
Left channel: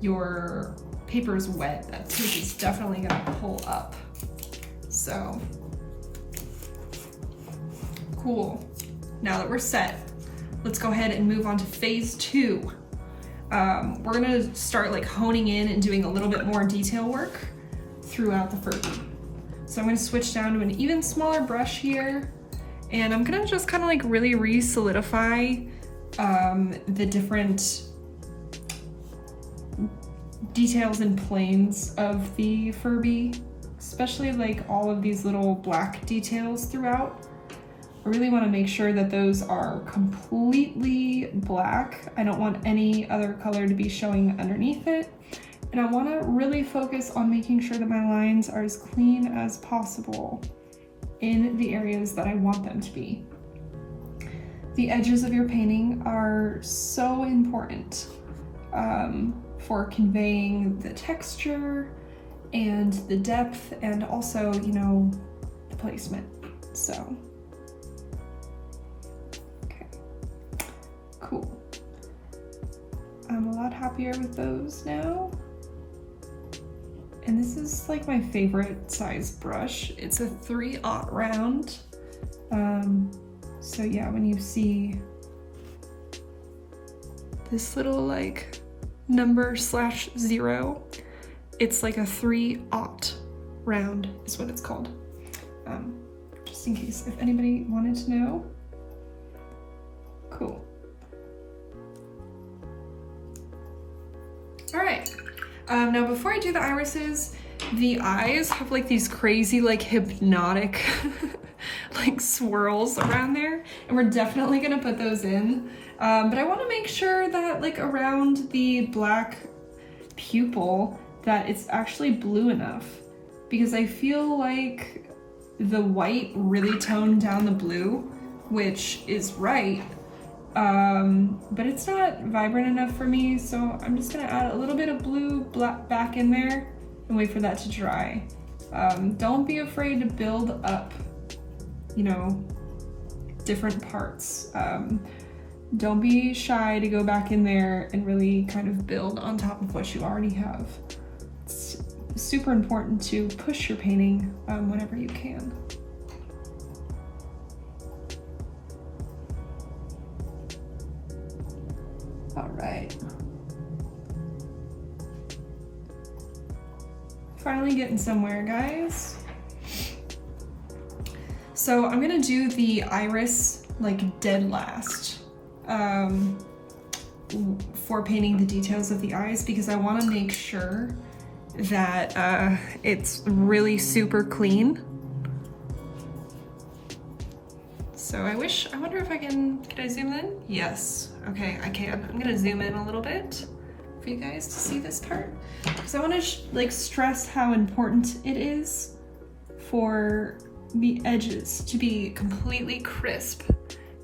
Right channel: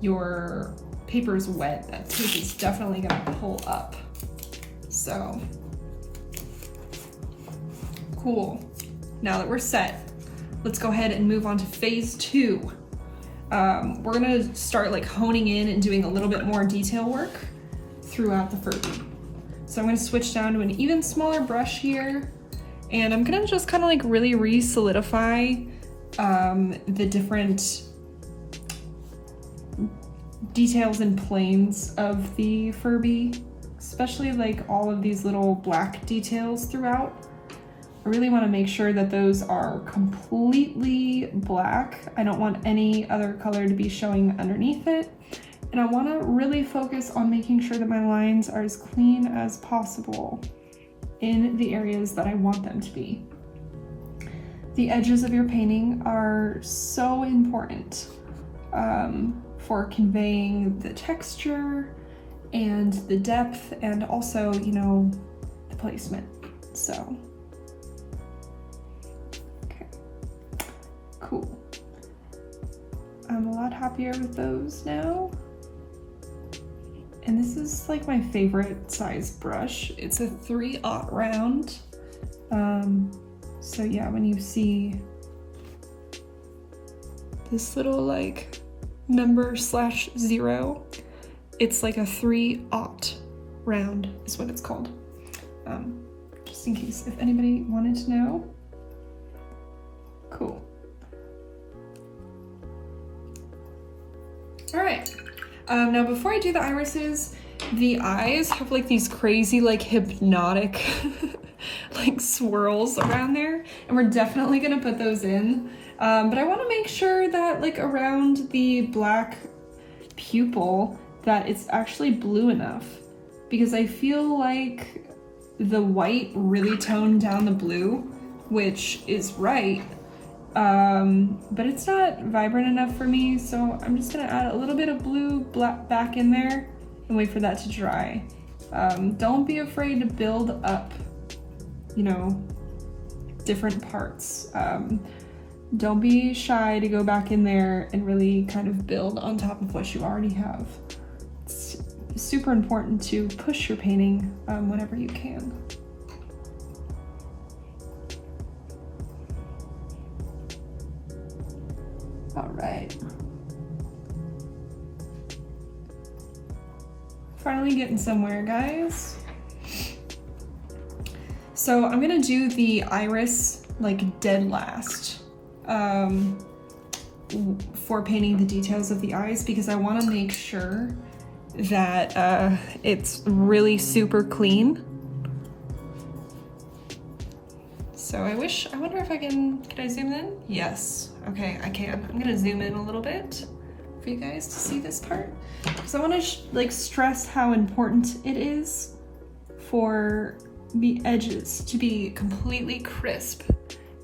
your paper's wet. That tape is definitely gonna pull up. So. Cool. Now that we're set, let's go ahead and move on to phase 2. We're gonna start like honing in and doing a little bit more detail work throughout the Furby. So I'm gonna switch down to an even smaller brush here, and I'm gonna just kind of like really re-solidify the different details and planes of the Furby, especially like all of these little black details throughout. I really want to make sure that those are completely black. I don't want any other color to be showing underneath it. And I want to really focus on making sure that my lines are as clean as possible in the areas that I want them to be. The edges of your painting are so important for conveying the texture and the depth and also, you know, the placement. So. Cool. I'm a lot happier with those now. And this is is like my favorite size brush. It's a 3/0 round. So yeah, when you see this little like number /0, it's like a 3/0 round is what it's called. Just in case if anybody wanted to know. Cool. All right. Now before I do the irises, the eyes have like these crazy like hypnotic like swirls around there, and we're definitely gonna put those in. But I want to make sure that like around the black pupil that it's actually blue enough, because I feel like the white really toned down the blue, which is right. But it's not vibrant enough for me, so I'm just gonna add a little bit of blue black back in there and wait for that to dry. Don't be afraid to build up, you know, different parts. Don't be shy to go back in there and really kind of build on top of what you already have. It's super important to push your painting whenever you can. All right. Finally getting somewhere, guys. So I'm gonna do the iris like dead last for painting the details of the eyes, because I want to make sure that it's really super clean. So I wonder if can I zoom in? Yes, okay, I can. I'm gonna zoom in a little bit for you guys to see this part, because I want to like stress how important it is for the edges to be completely crisp.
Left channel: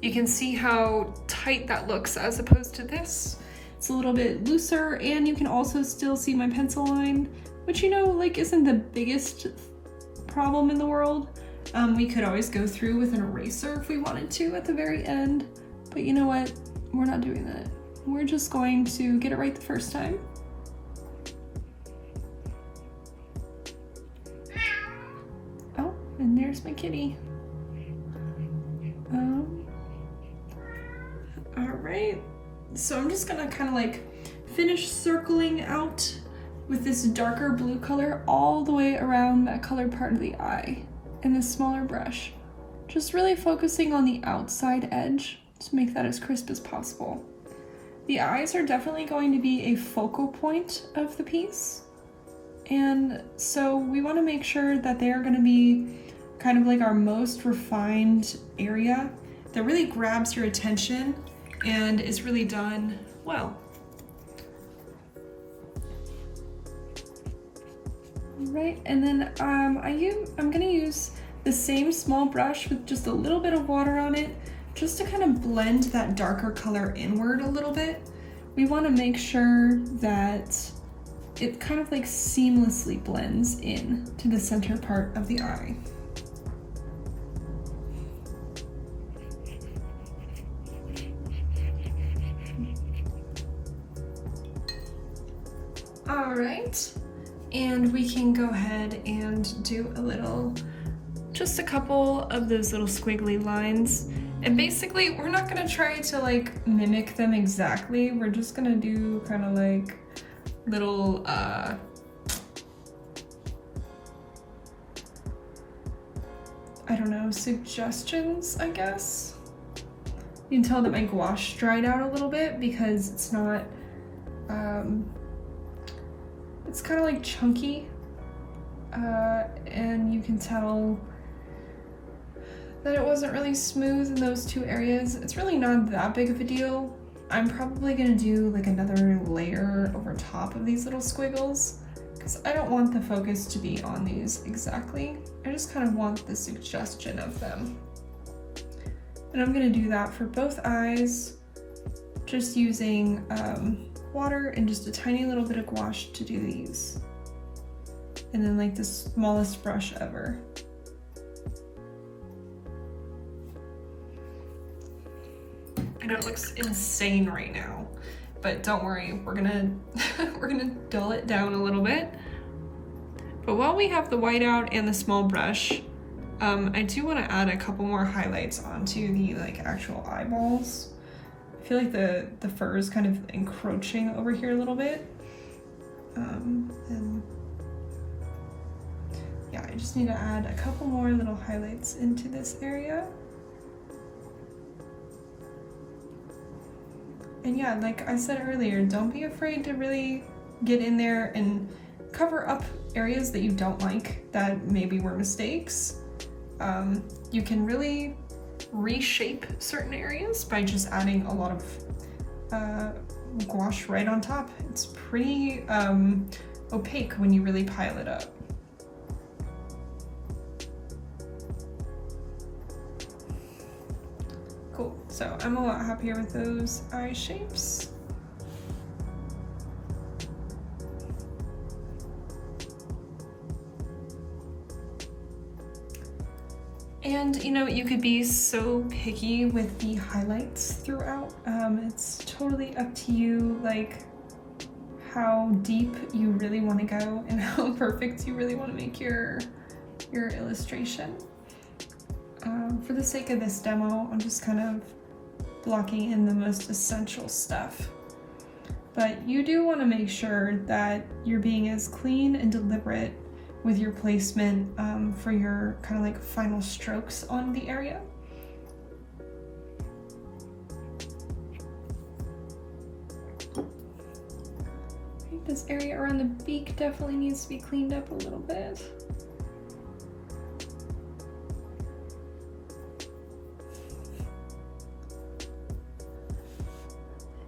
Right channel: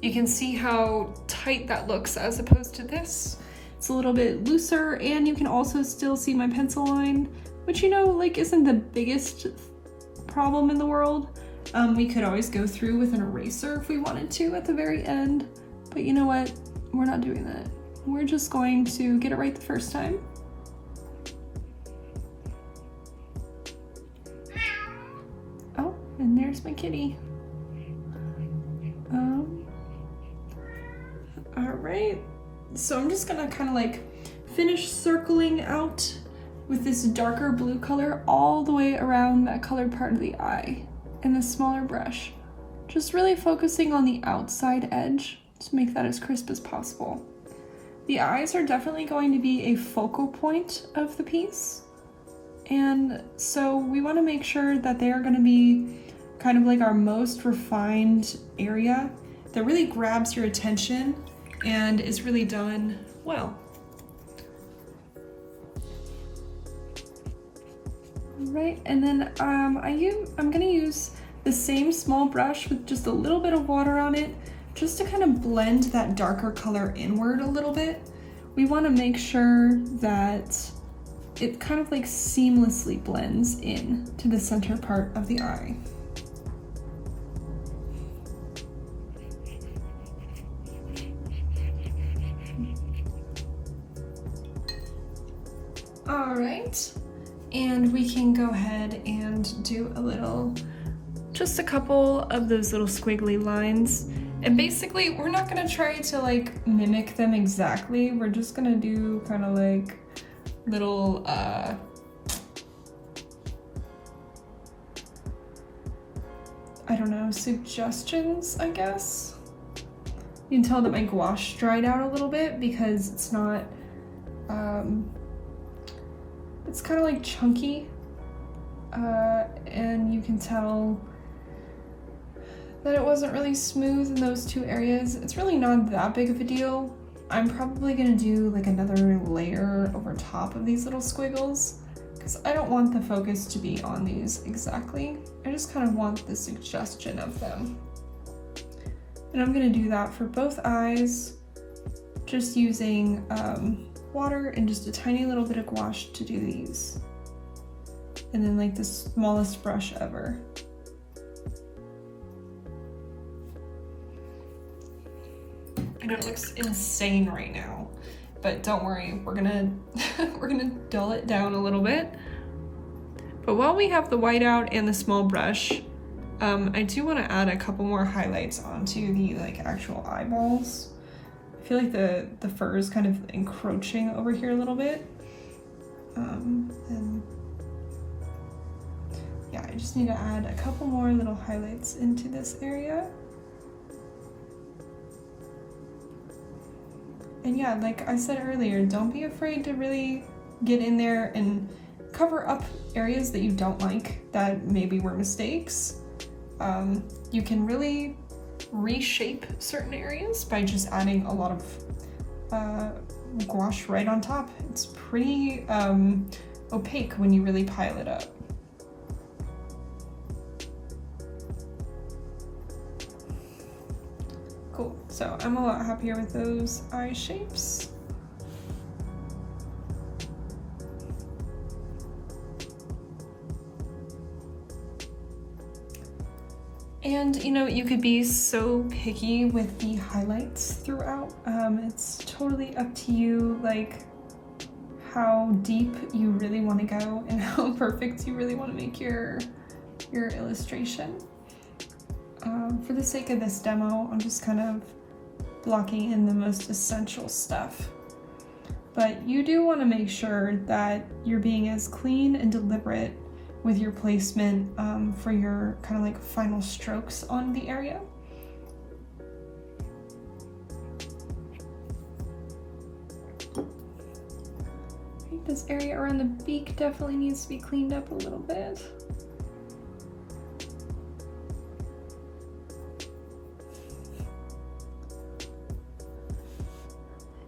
You can see how tight that looks as opposed to this. It's a little bit looser, and you can also still see my pencil line, which, you know, like isn't the biggest problem in the world. We could always go through with an eraser if we wanted to at the very end, but you know what? We're not doing that. We're just going to get it right the first time. Oh, and there's my kitty. All right, so I'm just gonna kind of like finish circling out with this darker blue color all the way around that colored part of the eye in the smaller brush. Just really focusing on the outside edge to make that as crisp as possible. The eyes are definitely going to be a focal point of the piece, and so we want to make sure that they are going to be kind of like our most refined area that really grabs your attention and is really done well. Right, and then I'm gonna use the same small brush with just a little bit of water on it, just to kind of blend that darker color inward a little bit. We want to make sure that it kind of like seamlessly blends in to the center part of the eye. All right, and we can go ahead and do just a couple of those little squiggly lines. And basically, we're not gonna try to like mimic them exactly. We're just gonna do kind of like little, I don't know, suggestions, I guess. You can tell that my gouache dried out a little bit because it's not, it's kind of like chunky, and you can tell that it wasn't really smooth in those two areas. It's really not that big of a deal. I'm probably gonna do like another layer over top of these little squiggles, because I don't want the focus to be on these exactly. I just kind of want the suggestion of them. And I'm gonna do that for both eyes, just using water and just a tiny little bit of gouache to do these. And then like the smallest brush ever. I know it looks insane right now, but don't worry, we're gonna we're gonna dull it down a little bit. But while we have the white out and the small brush, I do want to add a couple more highlights onto the like actual eyeballs. I feel like the fur is kind of encroaching over here a little bit. And yeah, I just need to add a couple more little highlights into this area. And yeah, like I said earlier, don't be afraid to really get in there and cover up areas that you don't like that maybe were mistakes. You can really reshape certain areas by just adding a lot of gouache right on top. It's pretty opaque when you really pile it up. Cool, so I'm a lot happier with those eye shapes. And you know, you could be so picky with the highlights throughout. It's totally up to you, like how deep you really want to go and how perfect you really want to make your illustration. For the sake of this demo, I'm just kind of blocking in the most essential stuff. But you do want to make sure that you're being as clean and deliberate with your placement for your kind of like final strokes on the area. This area around the beak definitely needs to be cleaned up a little bit.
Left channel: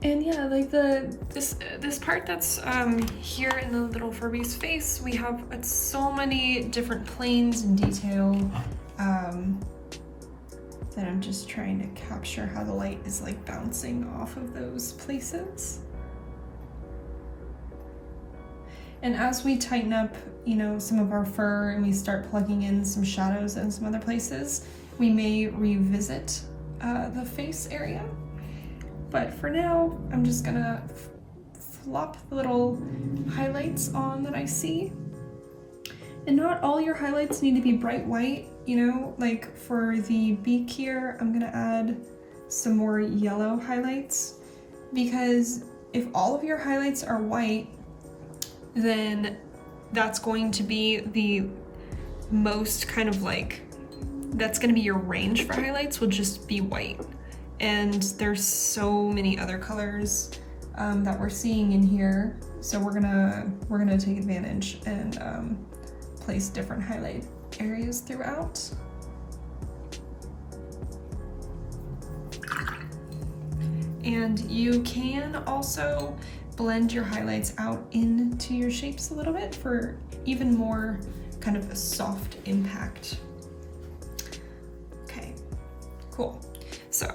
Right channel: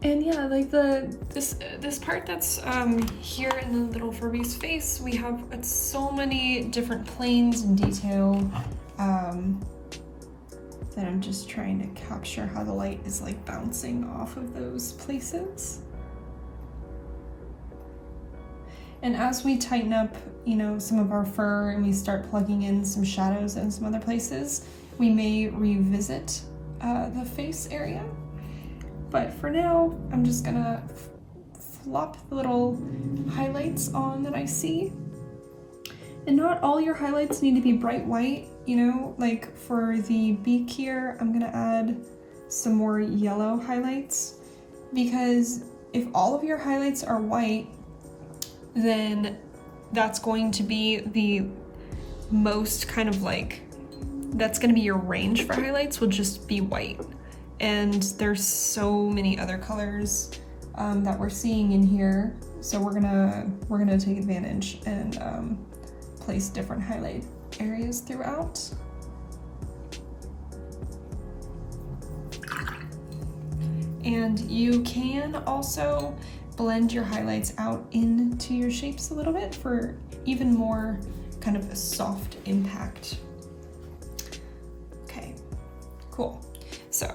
And yeah, like this part that's here in the little Furby's face, we have so many different planes and detail that I'm just trying to capture how the light is like bouncing off of those places. And as we tighten up, you know, some of our fur and we start plugging in some shadows in some other places, we may revisit the face area. But for now, I'm just gonna flop the little highlights on that I see. And not all your highlights need to be bright white, you know, like for the beak here, I'm gonna add some more yellow highlights, because if all of your highlights are white, then that's going to be the most kind of like, that's gonna be your range for highlights, will just be white. And there's so many other colors that we're seeing in here, so we're gonna take advantage and place different highlight areas throughout. And you can also blend your highlights out into your shapes a little bit for even more kind of a soft impact. Okay, cool. So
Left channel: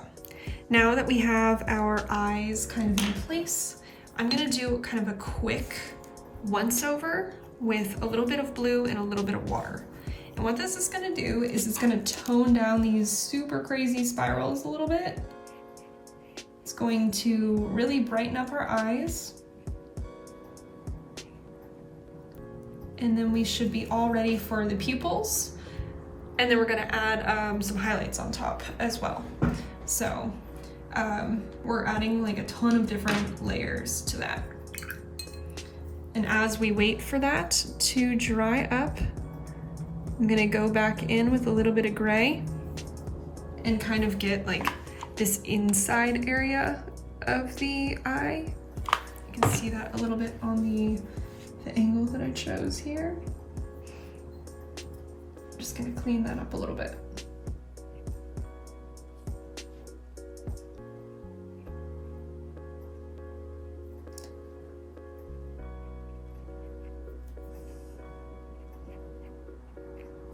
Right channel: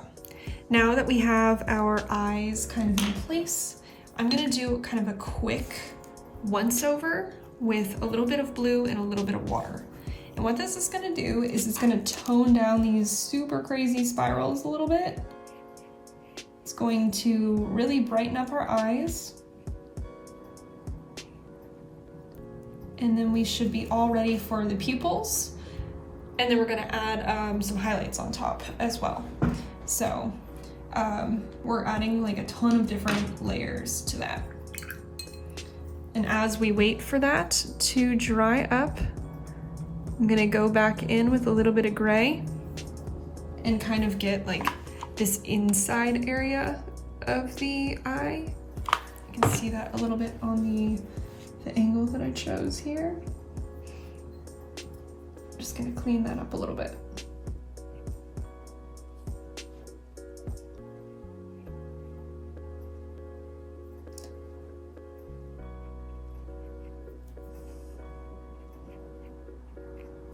now that we have our eyes kind of in place, I'm gonna do kind of a quick once over with a little bit of blue and a little bit of water. And what this is gonna do is it's gonna tone down these super crazy spirals a little bit. It's going to really brighten up our eyes. And then we should be all ready for the pupils. And then we're gonna add some highlights on top as well. So we're adding like a ton of different layers to that. And as we wait for that to dry up, I'm gonna go back in with a little bit of gray and kind of get like this inside area of the eye. You can see that a little bit on the angle that I chose here. Just gonna clean that up a little bit.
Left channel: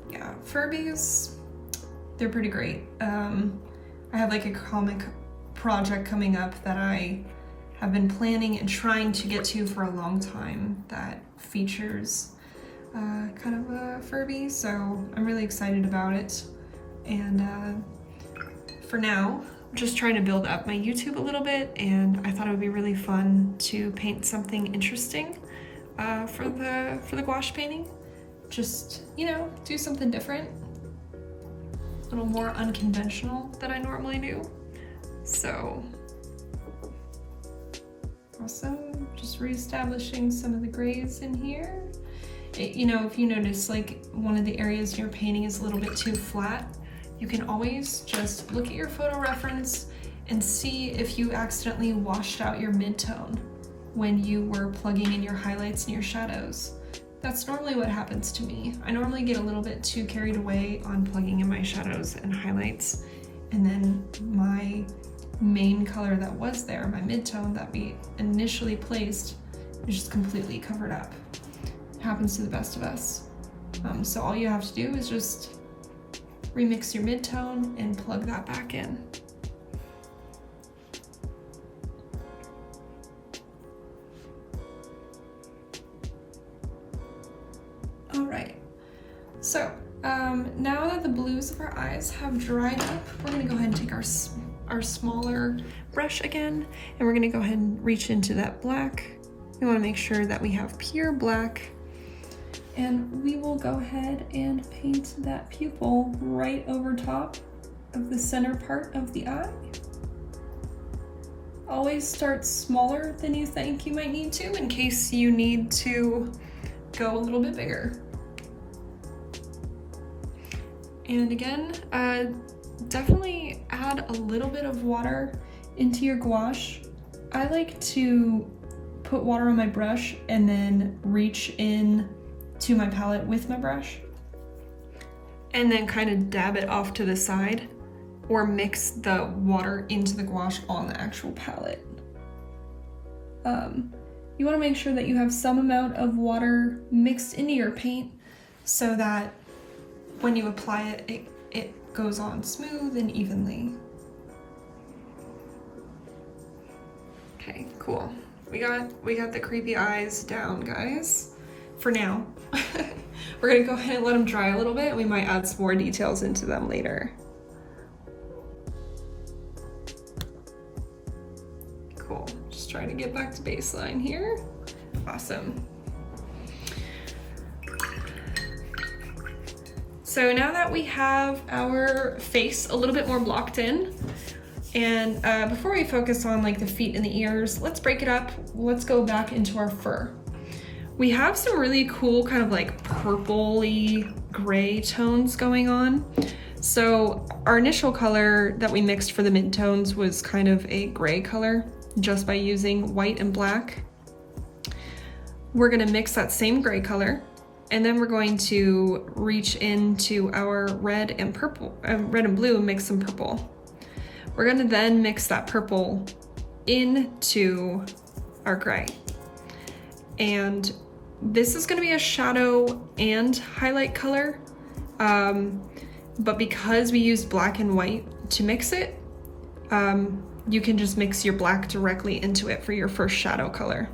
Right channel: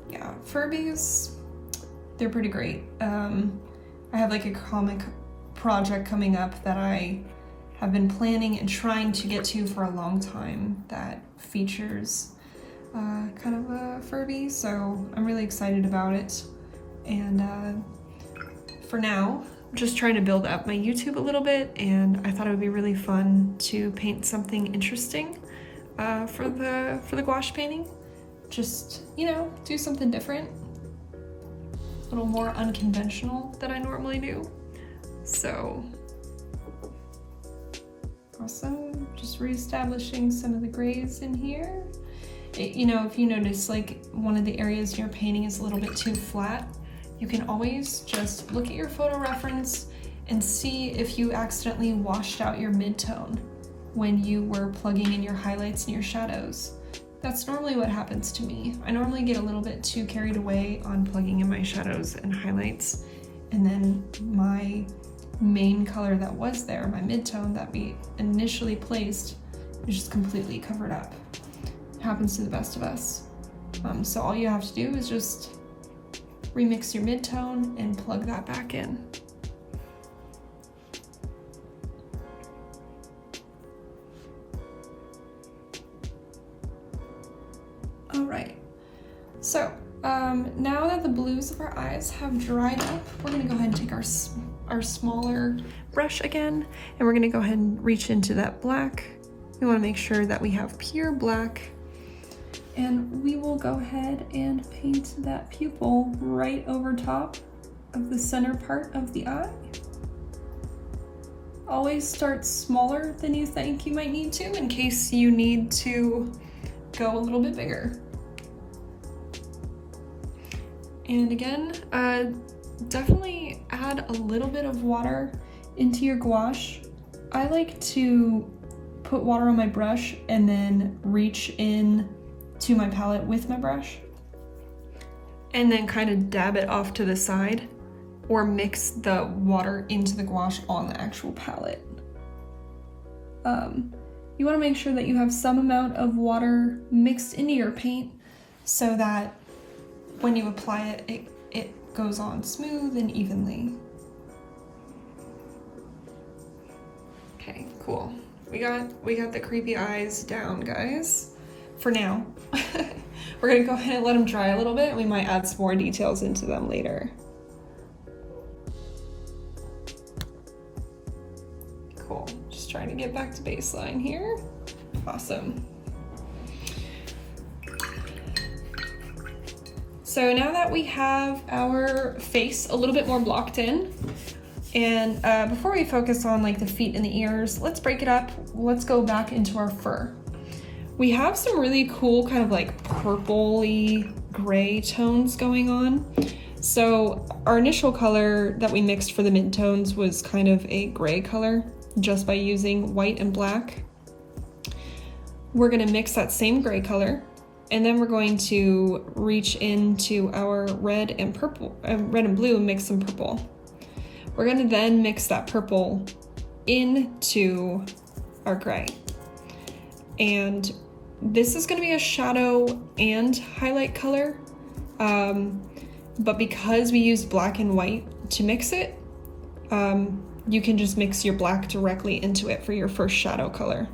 Yeah, Furbys, they're pretty great. I have like a comic project coming up that I have been planning and trying to get to for a long time that features kind of a Furby, so I'm really excited about it. And for now, I'm just trying to build up my YouTube a little bit, and I thought it would be really fun to paint something interesting for the gouache painting. just, you know, do something different, a little more unconventional than I normally do. So, awesome, just reestablishing some of the grays in here. You know, if you notice like one of the areas in your painting is a little bit too flat, you can always just look at your photo reference and see if you accidentally washed out your mid-tone when you were plugging in your highlights and your shadows. That's normally what happens to me. I normally get a little bit too carried away on plugging in my shadows and highlights, and then my main color that was there, my mid-tone that we initially placed, is just completely covered up. It happens to the best of us. So all you have to do is just remix your mid-tone and plug that back in. All right, so now that the blues of our eyes have dried up, we're gonna go ahead and take our smaller brush again, and we're gonna go ahead and reach into that black. We wanna make sure that we have pure black, and we will go ahead and paint that pupil right over top of the center part of the eye. Always start smaller than you think you might need to in case you need to go a little bit bigger. And again, definitely add a little bit of water into your gouache. I like to put water on my brush and then reach in to my palette with my brush and then kind of dab it off to the side, or mix the water into the gouache on the actual palette. You want to make sure that you have some amount of water mixed into your paint so that when you apply it, it goes on smooth and evenly. Okay, cool. We got the creepy eyes down, guys, for now. We're gonna go ahead and let them dry a little bit. We might add some more details into them later. Cool, just trying to get back to baseline here. Awesome. So now that we have our face a little bit more blocked in, and before we focus on like the feet and the ears, let's break it up. Let's go back into our fur. We have some really cool kind of like purpley gray tones going on. So our initial color that we mixed for the mid-tones was kind of a gray color just by using white and black. We're gonna mix that same gray color, and then we're going to reach into our red and purple, red and blue, and mix some purple. We're gonna then mix that purple into our gray. And this is gonna be a shadow and highlight color, but because we used black and white to mix it, you can just mix your black directly into it for your first shadow color.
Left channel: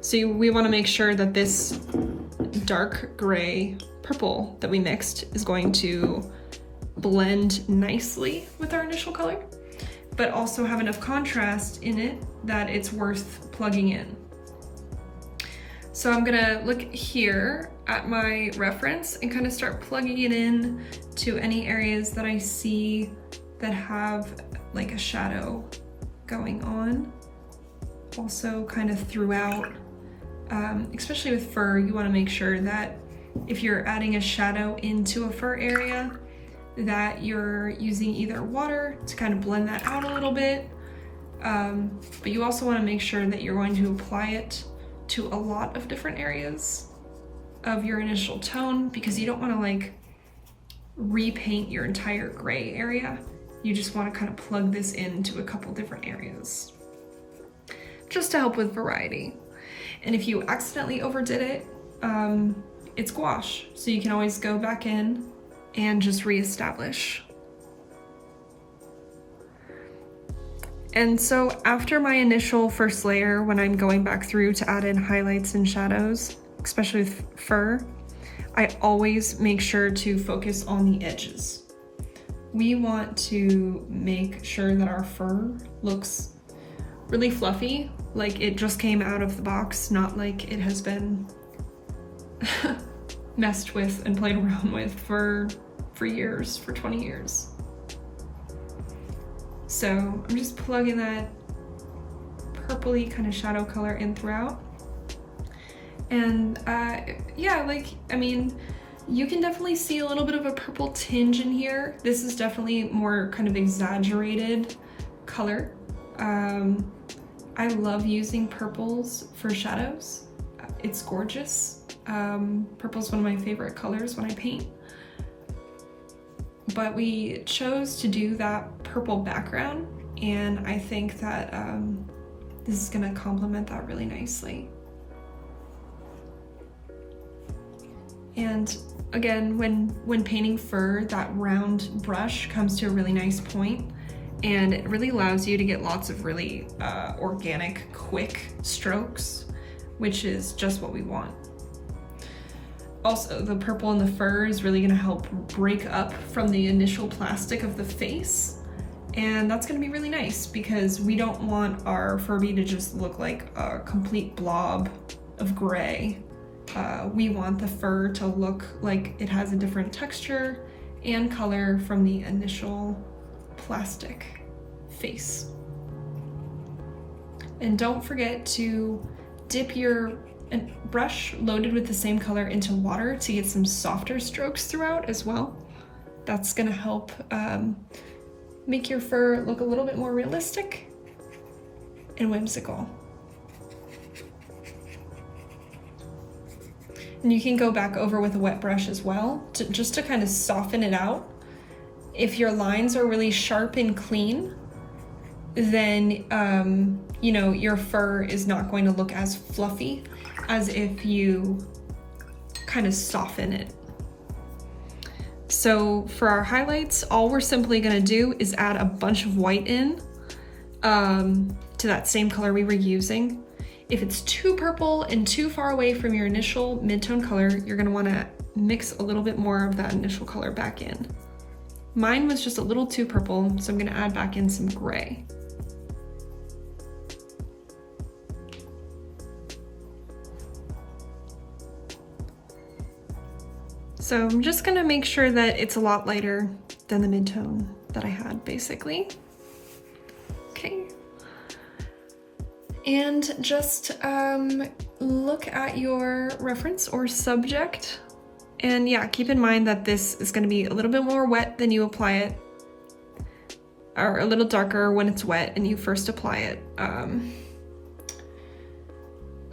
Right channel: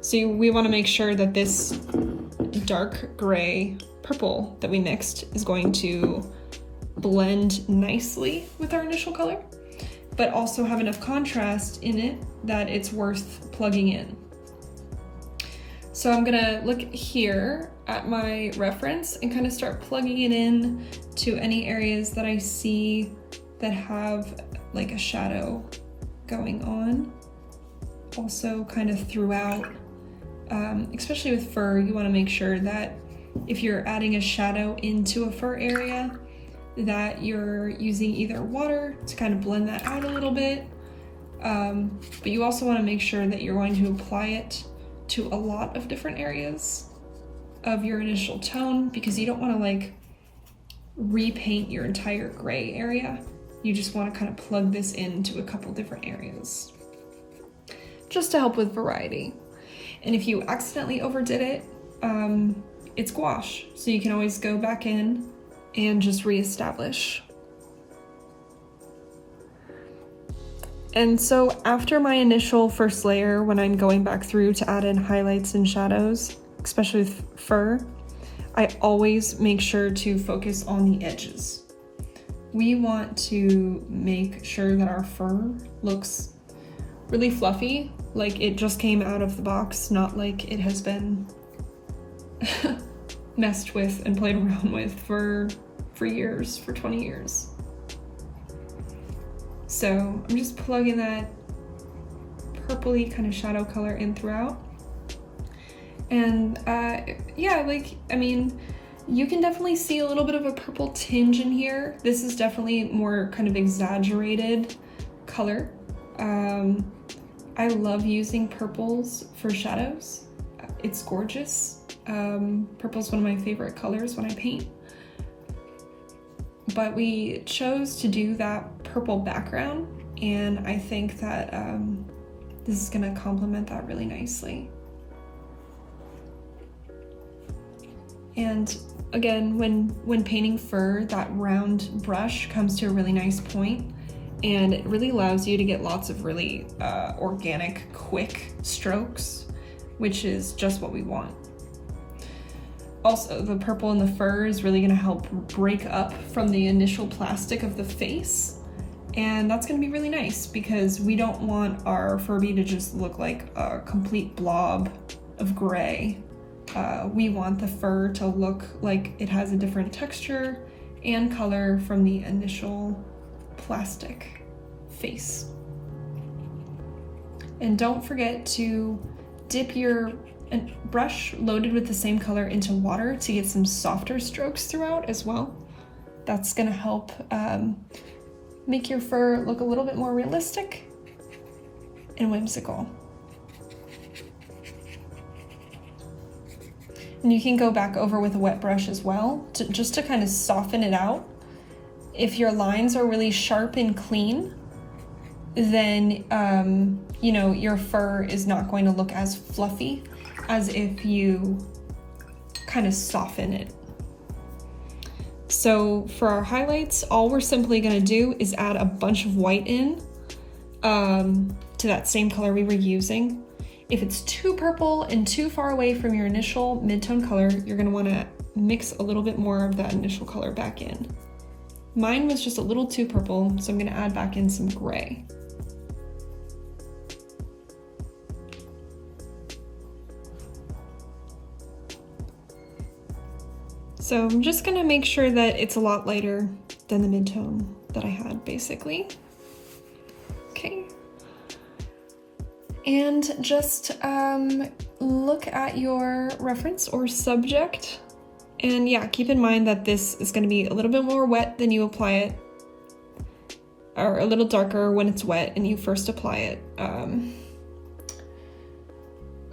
So we wanna make sure that this dark gray purple that we mixed is going to blend nicely with our initial color, but also have enough contrast in it that it's worth plugging in. So I'm gonna look here at my reference and kind of start plugging it in to any areas that I see that have like a shadow going on. Also kind of throughout, especially with fur, you wanna make sure that if you're adding a shadow into a fur area, that you're using either water to kind of blend that out a little bit, but you also wanna make sure that you're going to apply it to a lot of different areas of your initial tone, because you don't wanna like repaint your entire gray area. You just wanna kind of plug this into a couple different areas, just to help with variety. And if you accidentally overdid it, it's gouache, so you can always go back in and just reestablish. And so after my initial first layer, when I'm going back through to add in highlights and shadows, especially with fur, I always make sure to focus on the edges. We want to make sure that our fur looks really fluffy, like it just came out of the box, not like it has been messed with and played around with for years, for 20 years. So I'm just plugging that purpley kind of shadow color in throughout. And yeah, like, I mean, you can definitely see a little bit of a purple tinge in here. This is definitely more kind of exaggerated color. I love using purples for shadows. It's gorgeous. Purple is one of my favorite colors when I paint. But we chose to do that purple background, and I think that this is gonna complement that really nicely. And again, when painting fur, that round brush comes to a really nice point, and it really allows you to get lots of really organic, quick strokes, which is just what we want. Also, the purple in the fur is really gonna help break up from the initial plastic of the face. And that's gonna be really nice because we don't want our Furby to just look like a complete blob of gray. We want the fur to look like it has a different texture and color from the initial plastic face. And don't forget to dip your brush loaded with the same color into water to get some softer strokes throughout as well. That's gonna help make your fur look a little bit more realistic and whimsical. And you can go back over with a wet brush as well, just to kind of soften it out. If your lines are really sharp and clean, then you know, your fur is not going to look as fluffy as if you kind of soften it. So for our highlights, all we're simply gonna do is add a bunch of white in to that same color we were using. If it's too purple and too far away from your initial mid-tone color, you're gonna wanna mix a little bit more of that initial color back in. Mine was just a little too purple, so I'm gonna add back in some gray. So I'm just gonna make sure that it's a lot lighter than the mid-tone that I had, basically. Okay. And just look at your reference or subject. And yeah, keep in mind that this is gonna be a little bit more wet than you apply it, or a little darker when it's wet and you first apply it.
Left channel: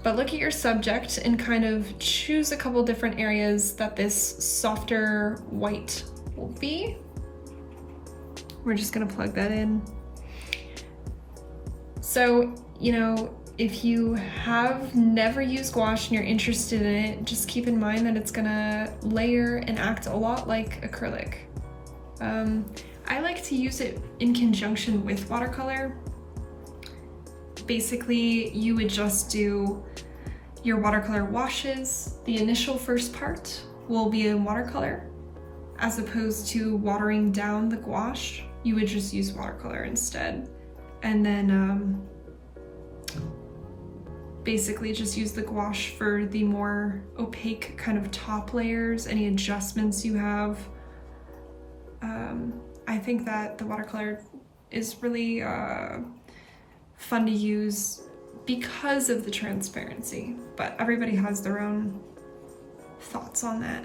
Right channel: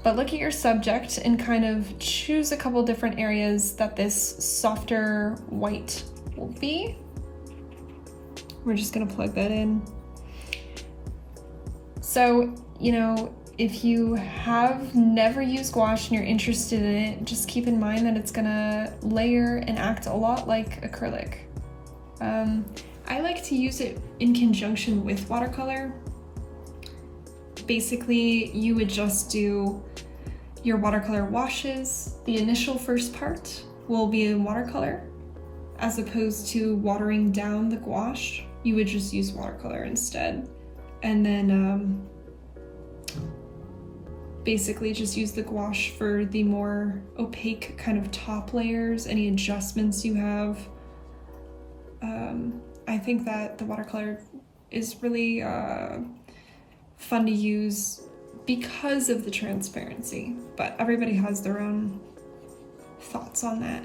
But look at your subject and kind of choose a couple different areas that this softer white will be. We're just gonna plug that in. So, you know, if you have never used gouache and you're interested in it, just keep in mind that it's gonna layer and act a lot like acrylic. I like to use it in conjunction with watercolor. Basically, you would just do your watercolor washes. The initial first part will be in watercolor, as opposed to watering down the gouache. You would just use watercolor instead. And then basically just use the gouache for the more opaque kind of top layers, any adjustments you have. I think that the watercolor is really fun to use because of the transparency, but everybody has their own thoughts on that.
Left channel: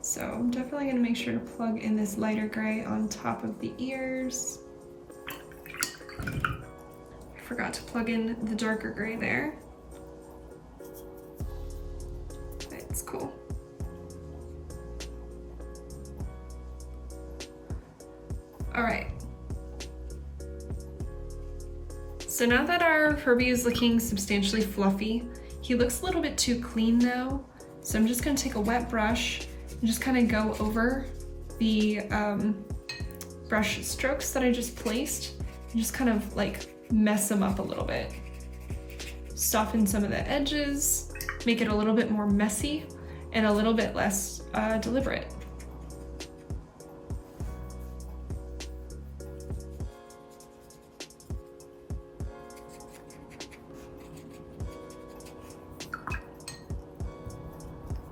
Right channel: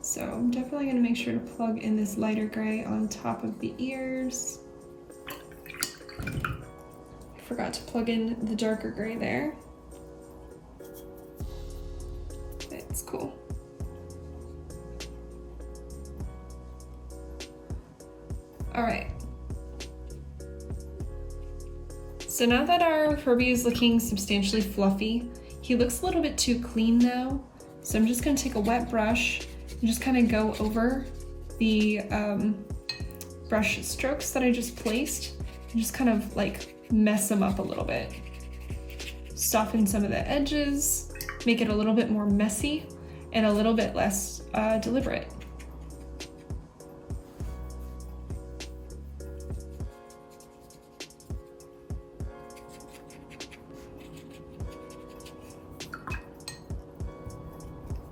So I'm definitely gonna make sure to plug in this lighter gray on top of the ears. I forgot to plug in the darker gray there. It's cool. All right. So now that our Furby is looking substantially fluffy, he looks a little bit too clean now. So I'm just gonna take a wet brush and just kind of go over the brush strokes that I just placed and just kind of like mess them up a little bit. Soften some of the edges, make it a little bit more messy and a little bit less deliberate.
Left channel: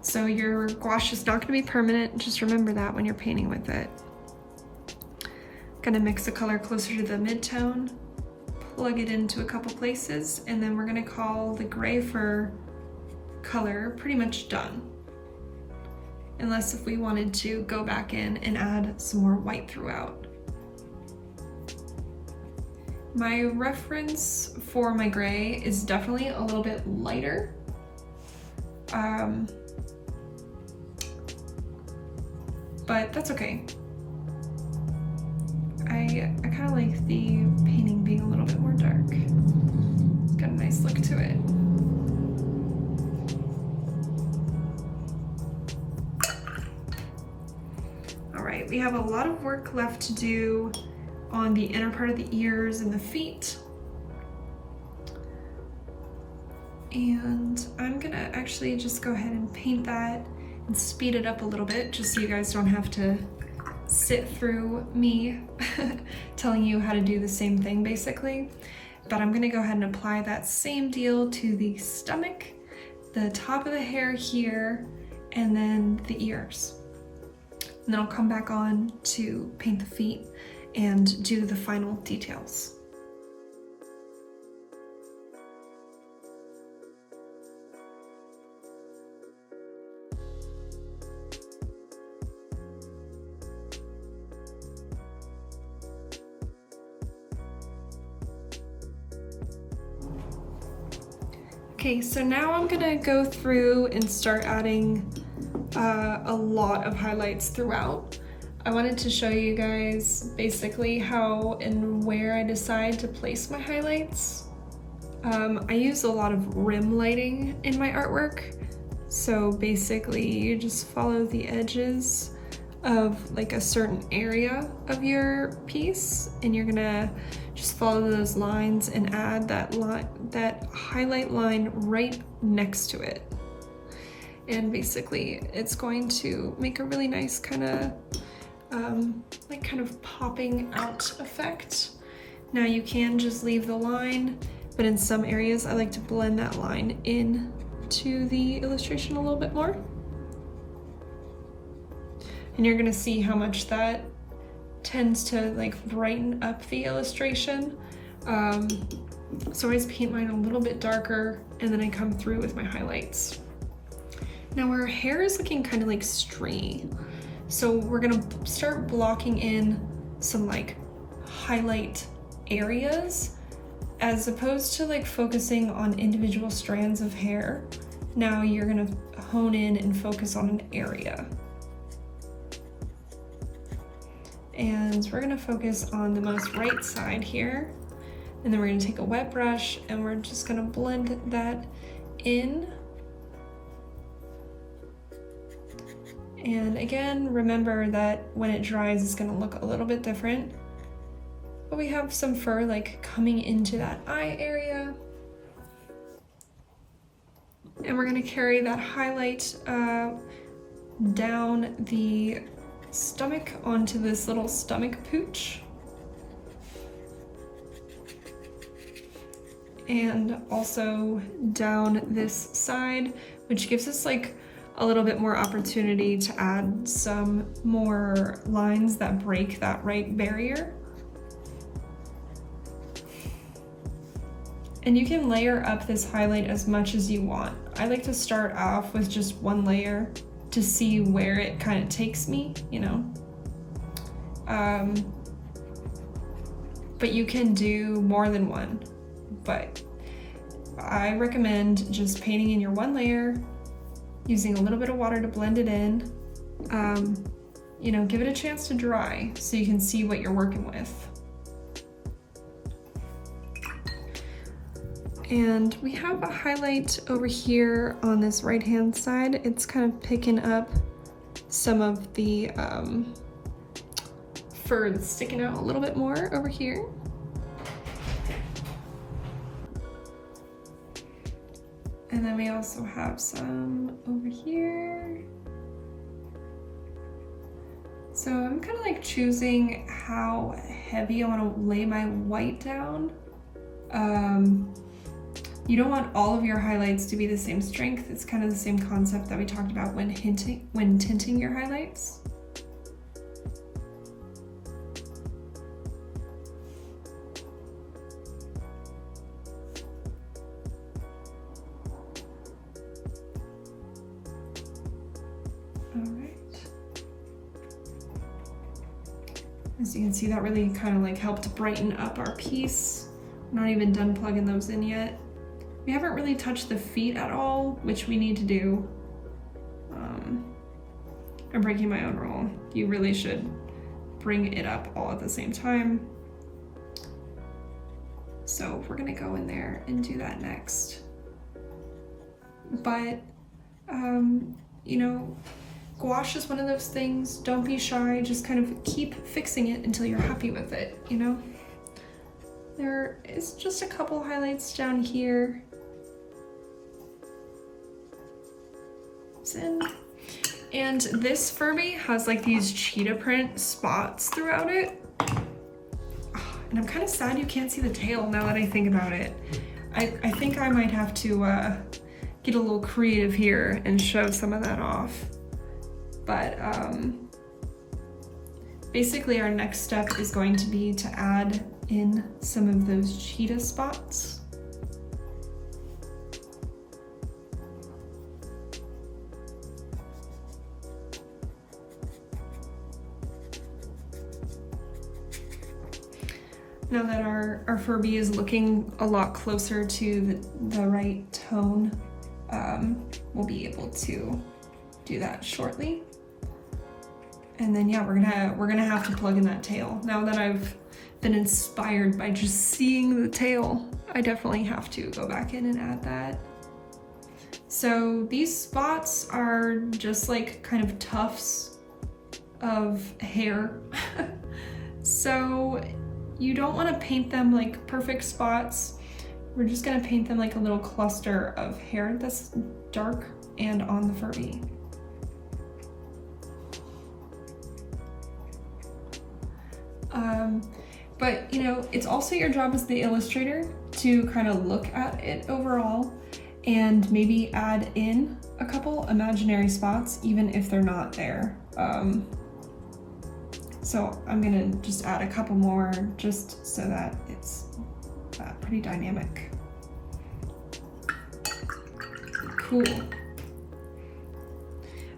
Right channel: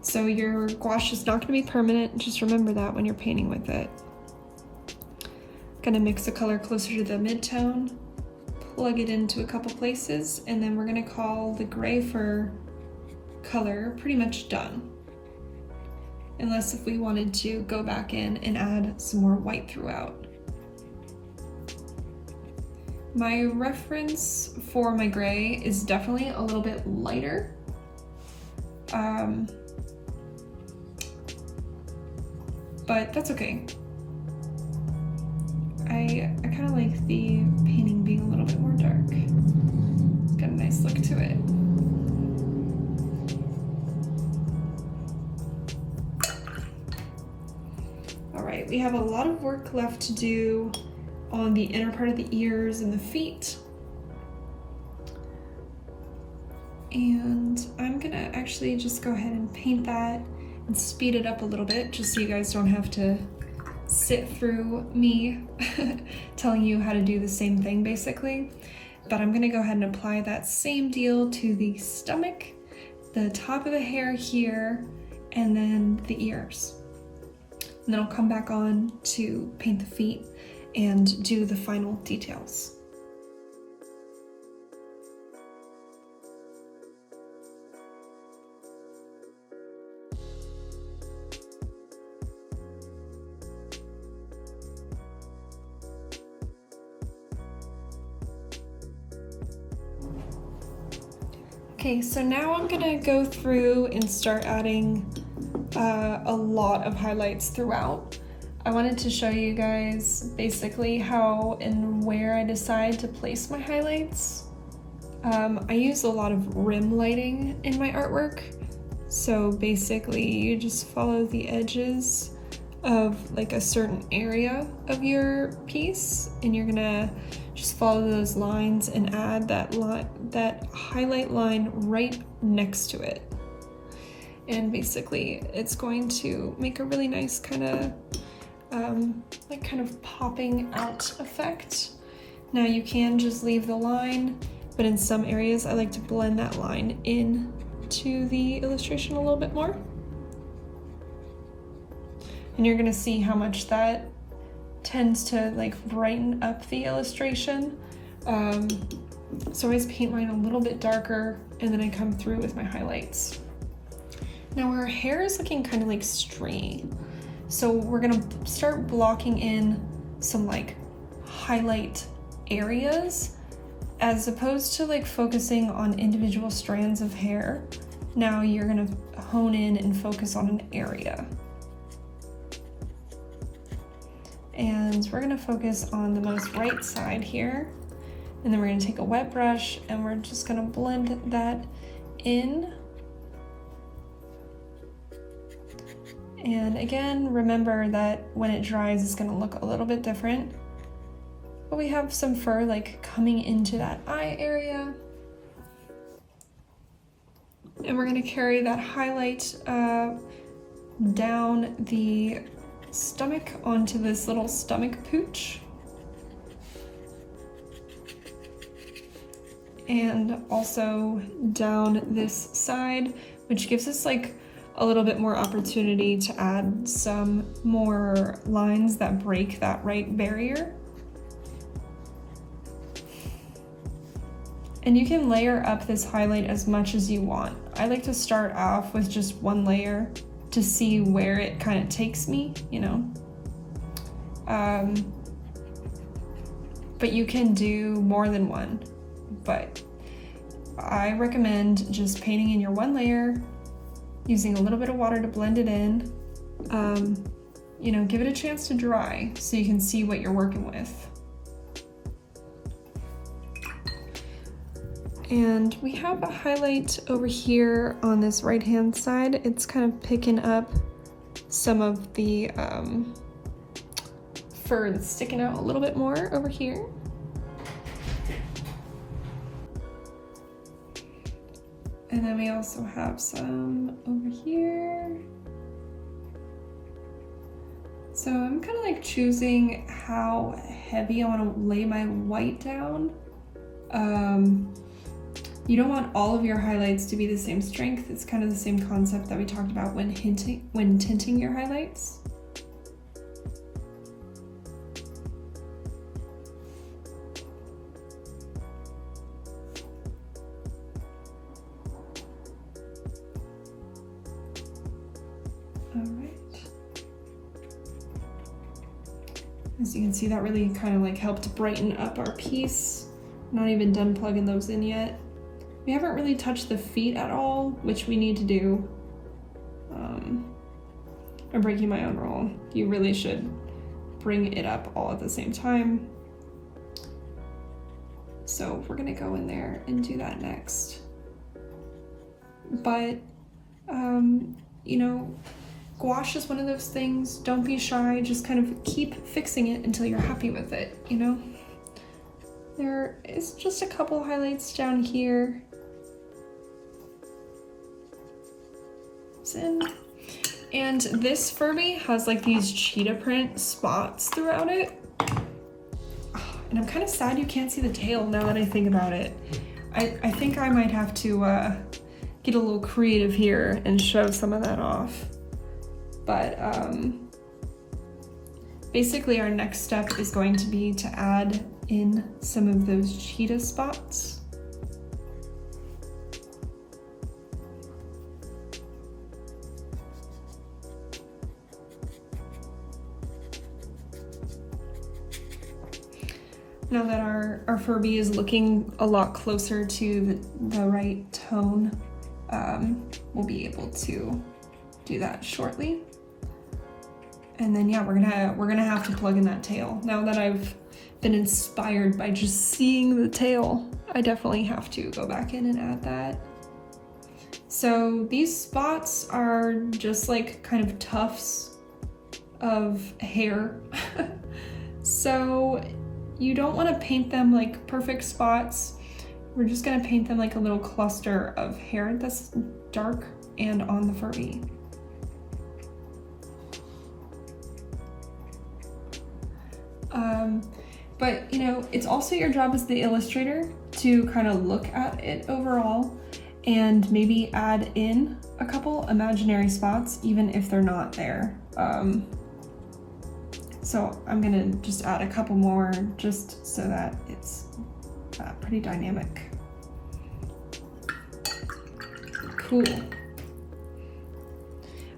So your gouache is not going to be permanent. Just remember that when you're painting with it. Gonna mix the color closer to the mid-tone, plug it into a couple places, and then we're gonna call the gray fur color pretty much done. Unless if we wanted to go back in and add some more white throughout. My reference for my gray is definitely a little bit lighter. But that's okay. I kind of like the painting being a little bit more dark. It's got a nice look to it. All right, we have a lot of work left to do on the inner part of the ears and the feet. And I'm gonna actually just go ahead and paint that and speed it up a little bit just so you guys don't have to sit through me telling you how to do the same thing basically. But I'm gonna go ahead and apply that same deal to the stomach, the top of the hair here, and then the ears. And then I'll come back on to paint the feet and do the final details. Okay, so now I'm gonna go through and start adding a lot of highlights throughout. I wanted to show you guys basically how and where I decide to place my highlights. I use a lot of rim lighting in my artwork. So basically you just follow the edges of like a certain area of your piece, and you're gonna just follow those lines and add that highlight line right next to it. And basically it's going to make a really nice kind of popping out effect. Now you can just leave the line, but in some areas I like to blend that line in to the illustration a little bit more. And you're gonna see how much that tends to like brighten up the illustration. So I always paint mine a little bit darker and then I come through with my highlights. Now our hair is looking kind of like stringy. So we're gonna start blocking in some like highlight areas as opposed to like focusing on individual strands of hair. Now you're gonna hone in and focus on an area. And we're gonna focus on the most right side here. And then we're gonna take a wet brush and we're just gonna blend that in. And again, remember that when it dries, it's gonna look a little bit different. But we have some fur like coming into that eye area. And we're gonna carry that highlight down the stomach onto this little stomach pooch. And also down this side, which gives us like a little bit more opportunity to add some more lines that break that right barrier. And you can layer up this highlight as much as you want. I like to start off with just one layer to see where it kind of takes me, you know. But you can do more than one. But I recommend just painting in your one layer, using a little bit of water to blend it in. You know, give it a chance to dry so you can see what you're working with. And we have a highlight over here on this right-hand side. It's kind of picking up some of the fur that's sticking out a little bit more over here. And then we also have some over here. So I'm kind of like choosing how heavy I want to lay my white down. You don't want all of your highlights to be the same strength. It's kind of the same concept that we talked about when tinting your highlights. As you can see, that really kind of like helped brighten up our piece. Not even done plugging those in yet. We haven't really touched the feet at all, which we need to do. I'm breaking my own rule. You really should bring it up all at the same time. So we're gonna go in there and do that next. But, you know, gouache is one of those things. Don't be shy, just kind of keep fixing it until you're happy with it, you know? There is just a couple highlights down here. And this Furby has like these cheetah print spots throughout it. And I'm kind of sad you can't see the tail now that I think about it. I think I might have to get a little creative here and show some of that off. But basically our next step is going to be to add in some of those cheetah spots. Now that our Furby is looking a lot closer to the right tone, we'll be able to do that shortly. And then yeah, we're gonna have to plug in that tail. Now that I've been inspired by just seeing the tail, I definitely have to go back in and add that. So these spots are just like kind of tufts of hair. So you don't want to paint them like perfect spots. We're just gonna paint them like a little cluster of hair that's dark and on the Furby. But you know, it's also your job as the illustrator to kind of look at it overall and maybe add in a couple imaginary spots, even if they're not there. So I'm gonna just add a couple more just so that it's pretty dynamic. Cool.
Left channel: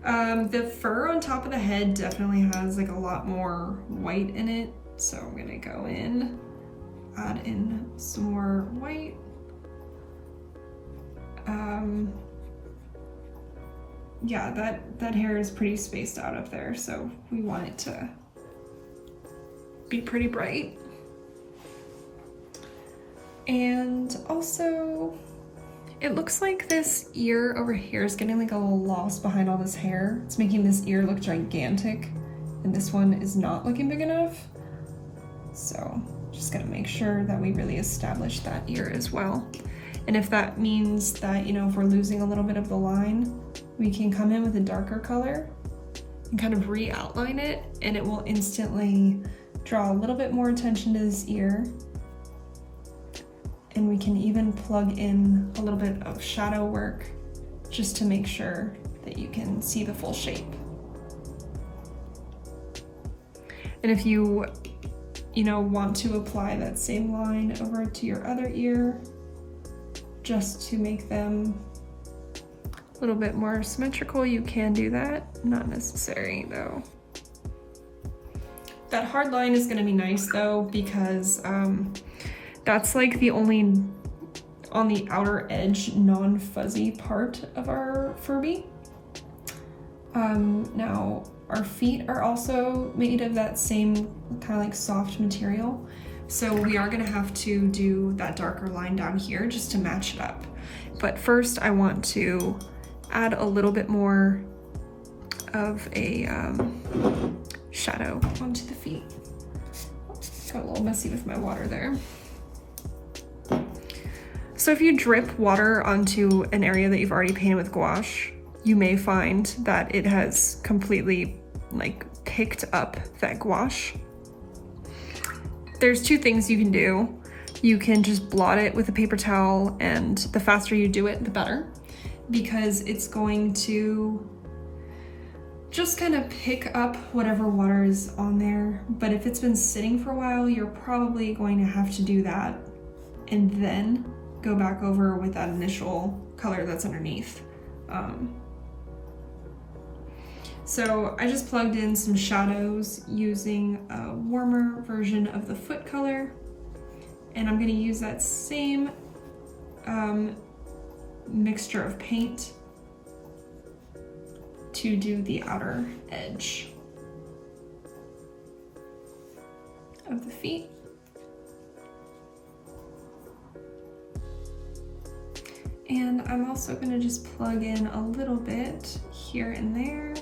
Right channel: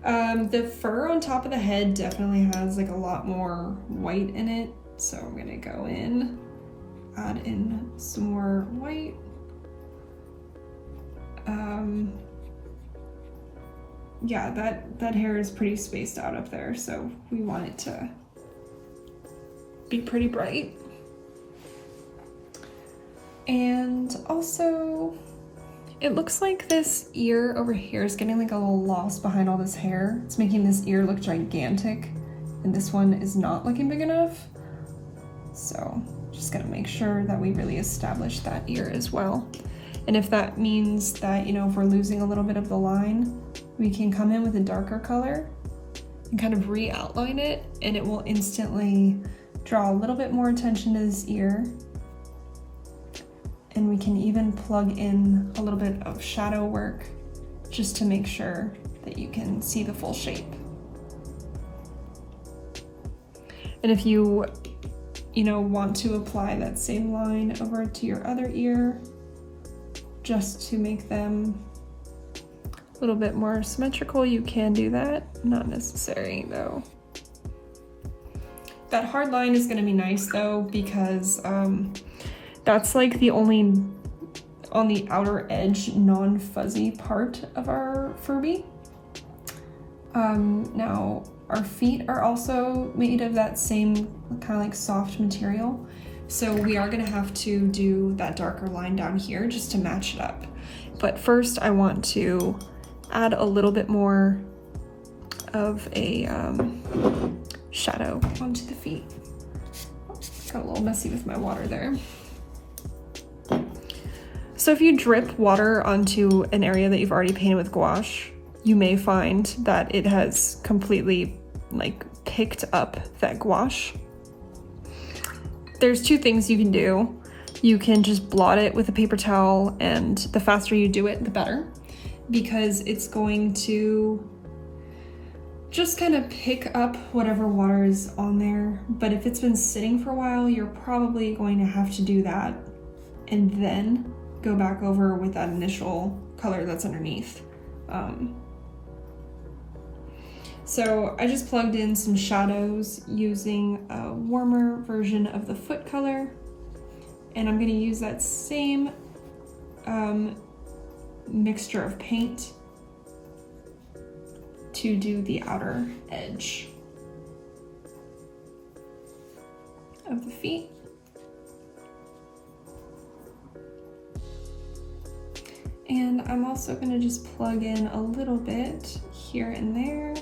The fur on top of the head definitely has like a lot more white in it. So I'm gonna go in, add in some more white. Yeah, that hair is pretty spaced out up there, so we want it to be pretty bright. And also, it looks like this ear over here is getting like a little lost behind all this hair. It's making this ear look gigantic, and this one is not looking big enough. So just gonna make sure that we really establish that ear as well. And if that means that, you know, if we're losing a little bit of the line, we can come in with a darker color and kind of re-outline it, and it will instantly draw a little bit more attention to this ear. And we can even plug in a little bit of shadow work just to make sure that you can see the full shape. And if you know, want to apply that same line over to your other ear, just to make them a little bit more symmetrical, you can do that. Not necessary though. That hard line is gonna be nice though, because that's like the only on the outer edge non-fuzzy part of our Furby. Now our feet are also made of that same kind of like soft material. So we are gonna have to do that darker line down here just to match it up. But first I want to add a little bit more of a shadow onto the feet. Got a little messy with my water there. So if you drip water onto an area that you've already painted with gouache, you may find that it has completely like picked up that gouache. There's two things you can do. you can just blot it with a paper towel, and the faster you do it, the better, because it's going to just kind of pick up whatever water is on there. But if it's been sitting for a while, you're probably going to have to do that and then go back over with that initial color that's underneath. So I just plugged in some shadows using a warmer version of the foot color, and I'm going to use that same mixture of paint to do the outer edge of the feet. And I'm also going to just plug in a little bit here and there.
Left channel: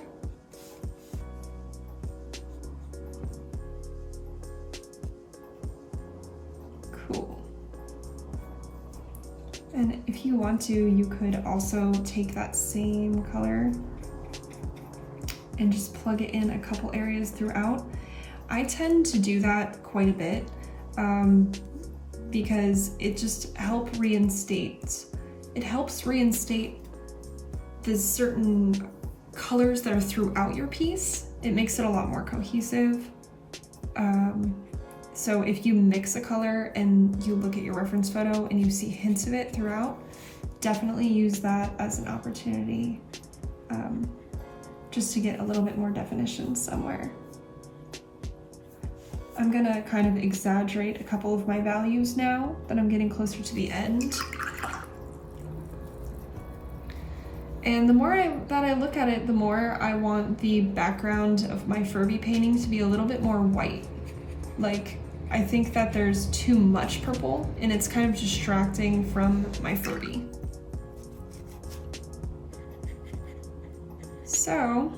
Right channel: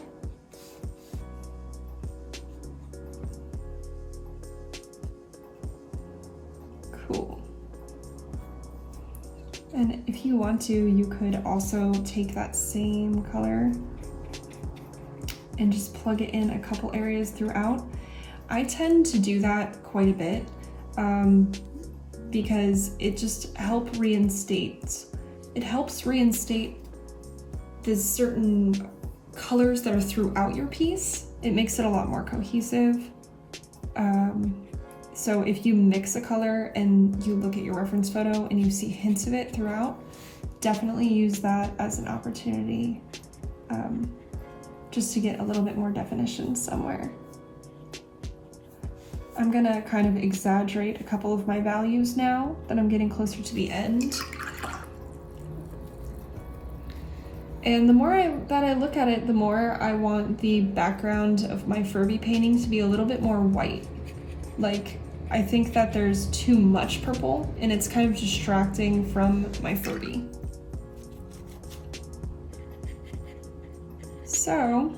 Cool. And if you want to, you could also take that same color and just plug it in a couple areas throughout. I tend to do that quite a bit because it just helps reinstate the certain colors that are throughout your piece. It makes it a lot more cohesive. So if you mix a color and you look at your reference photo and you see hints of it throughout, definitely use that as an opportunity just to get a little bit more definition somewhere. I'm gonna kind of exaggerate a couple of my values now that I'm getting closer to the end. And the more that I look at it, the more I want the background of my Furby painting to be a little bit more white. Like, I think that there's too much purple and it's kind of distracting from my Furby. So,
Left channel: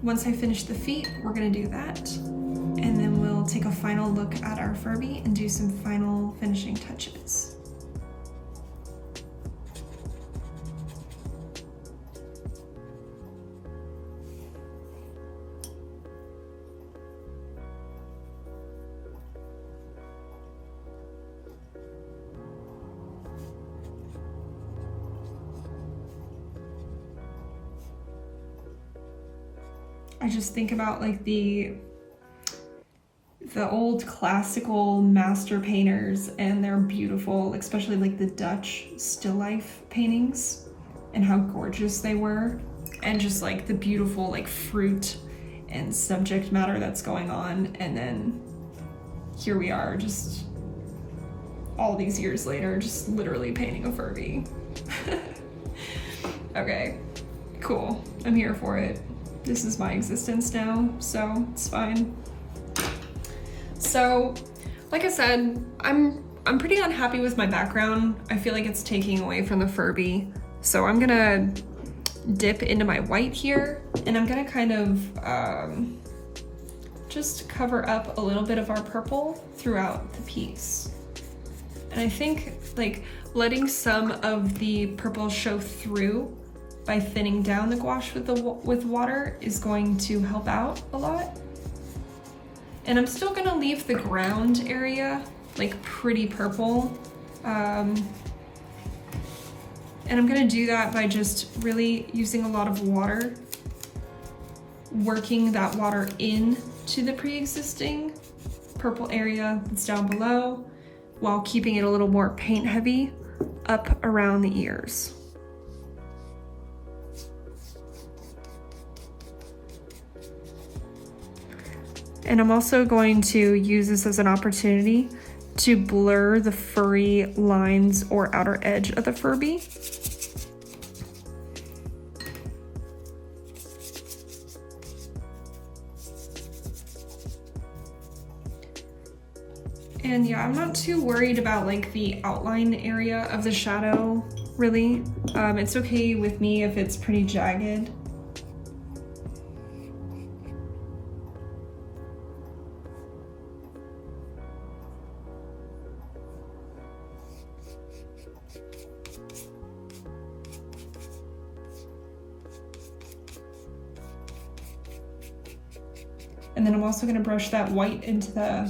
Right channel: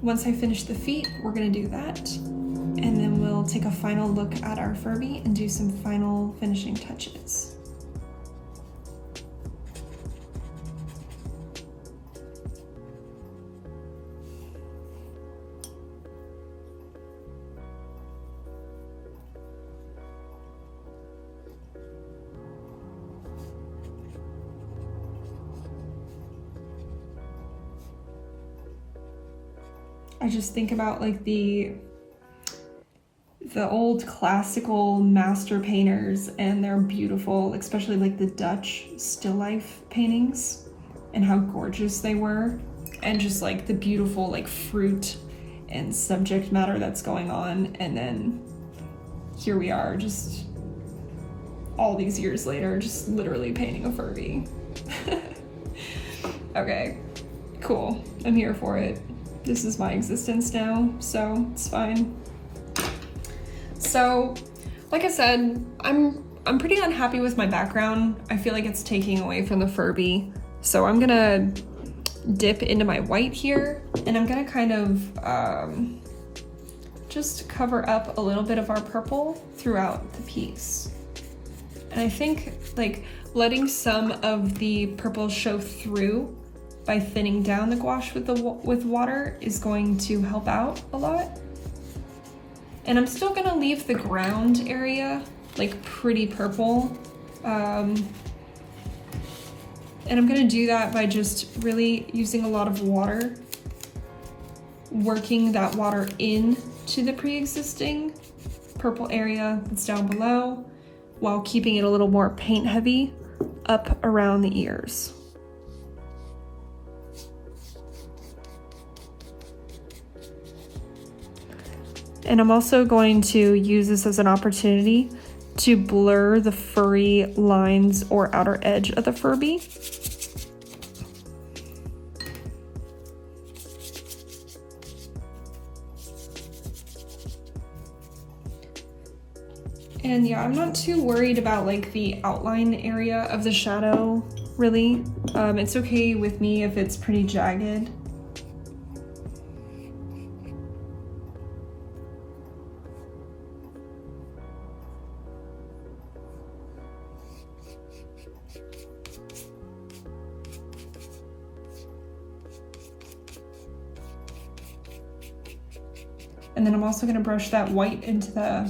once I finish the feet, we're gonna do that. And then we'll take a final look at our Furby and do some final finishing touches. I just think about like the old classical master painters, and they're beautiful, especially like the Dutch still life paintings and how gorgeous they were, and just like the beautiful like fruit and subject matter that's going on. And then here we are just all these years later, just literally painting a Furby. Okay, cool, I'm here for it. This is my existence now, so it's fine. So, like I said, I'm pretty unhappy with my background. I feel like it's taking away from the Furby. So I'm gonna dip into my white here, and I'm gonna kind of just cover up a little bit of our purple throughout the piece. And I think like letting some of the purple show through by thinning down the gouache with water is going to help out a lot. And I'm still gonna leave the ground area like pretty purple. And I'm gonna do that by just really using a lot of water, working that water in to the pre-existing purple area that's down below, while keeping it a little more paint heavy up around the ears. And I'm also going to use this as an opportunity to blur the furry lines or outer edge of the Furby. And yeah, I'm not too worried about like the outline area of the shadow, really. It's okay with me if it's pretty jagged. And then I'm also going to brush that white into the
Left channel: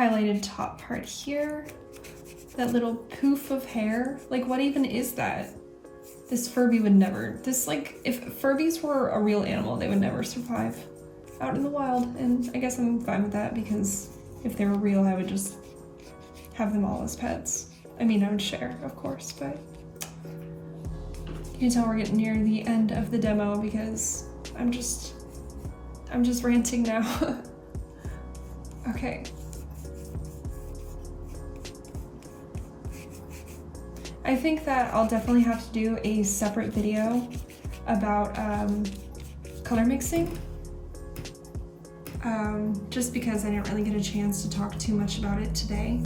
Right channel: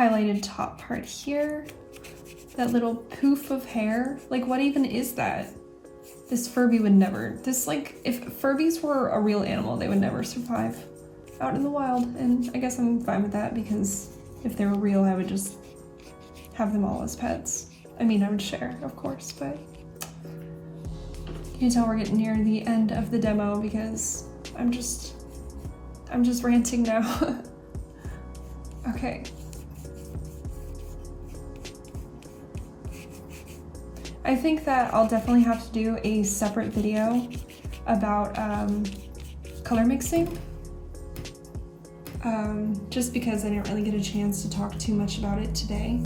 highlighted top part here. That little poof of hair. Like, what even is that? This Furby would never, if Furbys were a real animal, they would never survive out in the wild. And I guess I'm fine with that, because if they were real, I would just have them all as pets. I mean, I would share, of course, but you can tell we're getting near the end of the demo because I'm just ranting now. Okay. I think that I'll definitely have to do a separate video about color mixing. Just because I didn't really get a chance to talk too much about it today.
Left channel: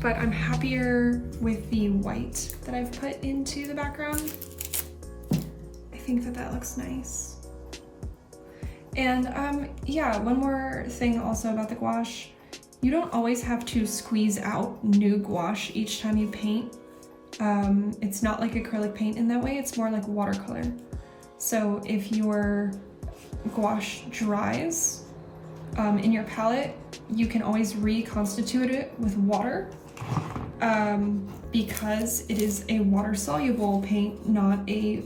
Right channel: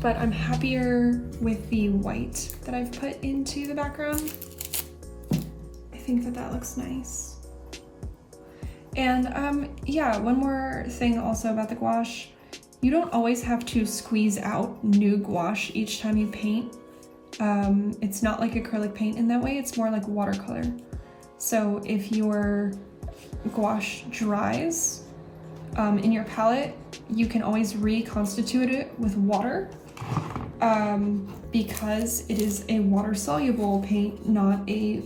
But I'm happier with the white that I've put into the background. I think that that looks nice. And yeah, one more thing also about the gouache. You don't always have to squeeze out new gouache each time you paint. It's not like acrylic paint in that way, it's more like watercolor. So if your gouache dries in your palette, you can always reconstitute it with water because it is a water-soluble paint, not a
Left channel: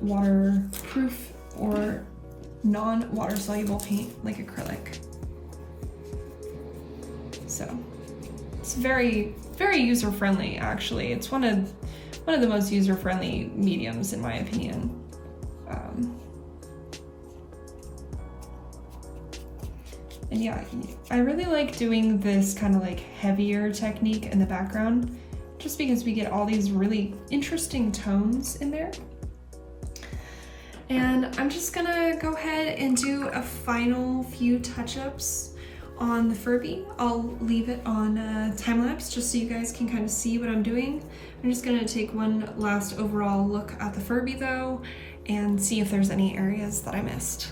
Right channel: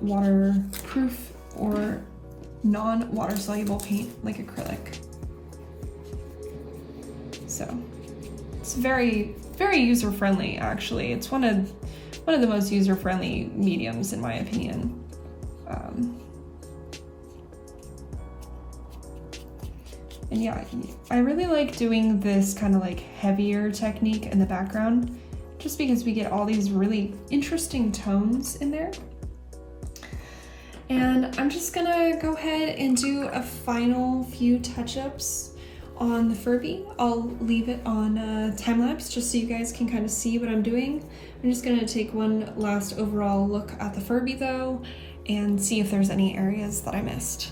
waterproof or non-water-soluble paint like acrylic. So it's very, very user-friendly, actually. It's one of the most user-friendly mediums, in my opinion. And yeah, I really like doing this kind of like heavier technique in the background, just because we get all these really interesting tones in there. And I'm just gonna go ahead and do a final few touch-ups on the Furby. I'll leave it on time-lapse just so you guys can kind of see what I'm doing. I'm just gonna take one last overall look at the Furby though and see if there's any areas that I missed.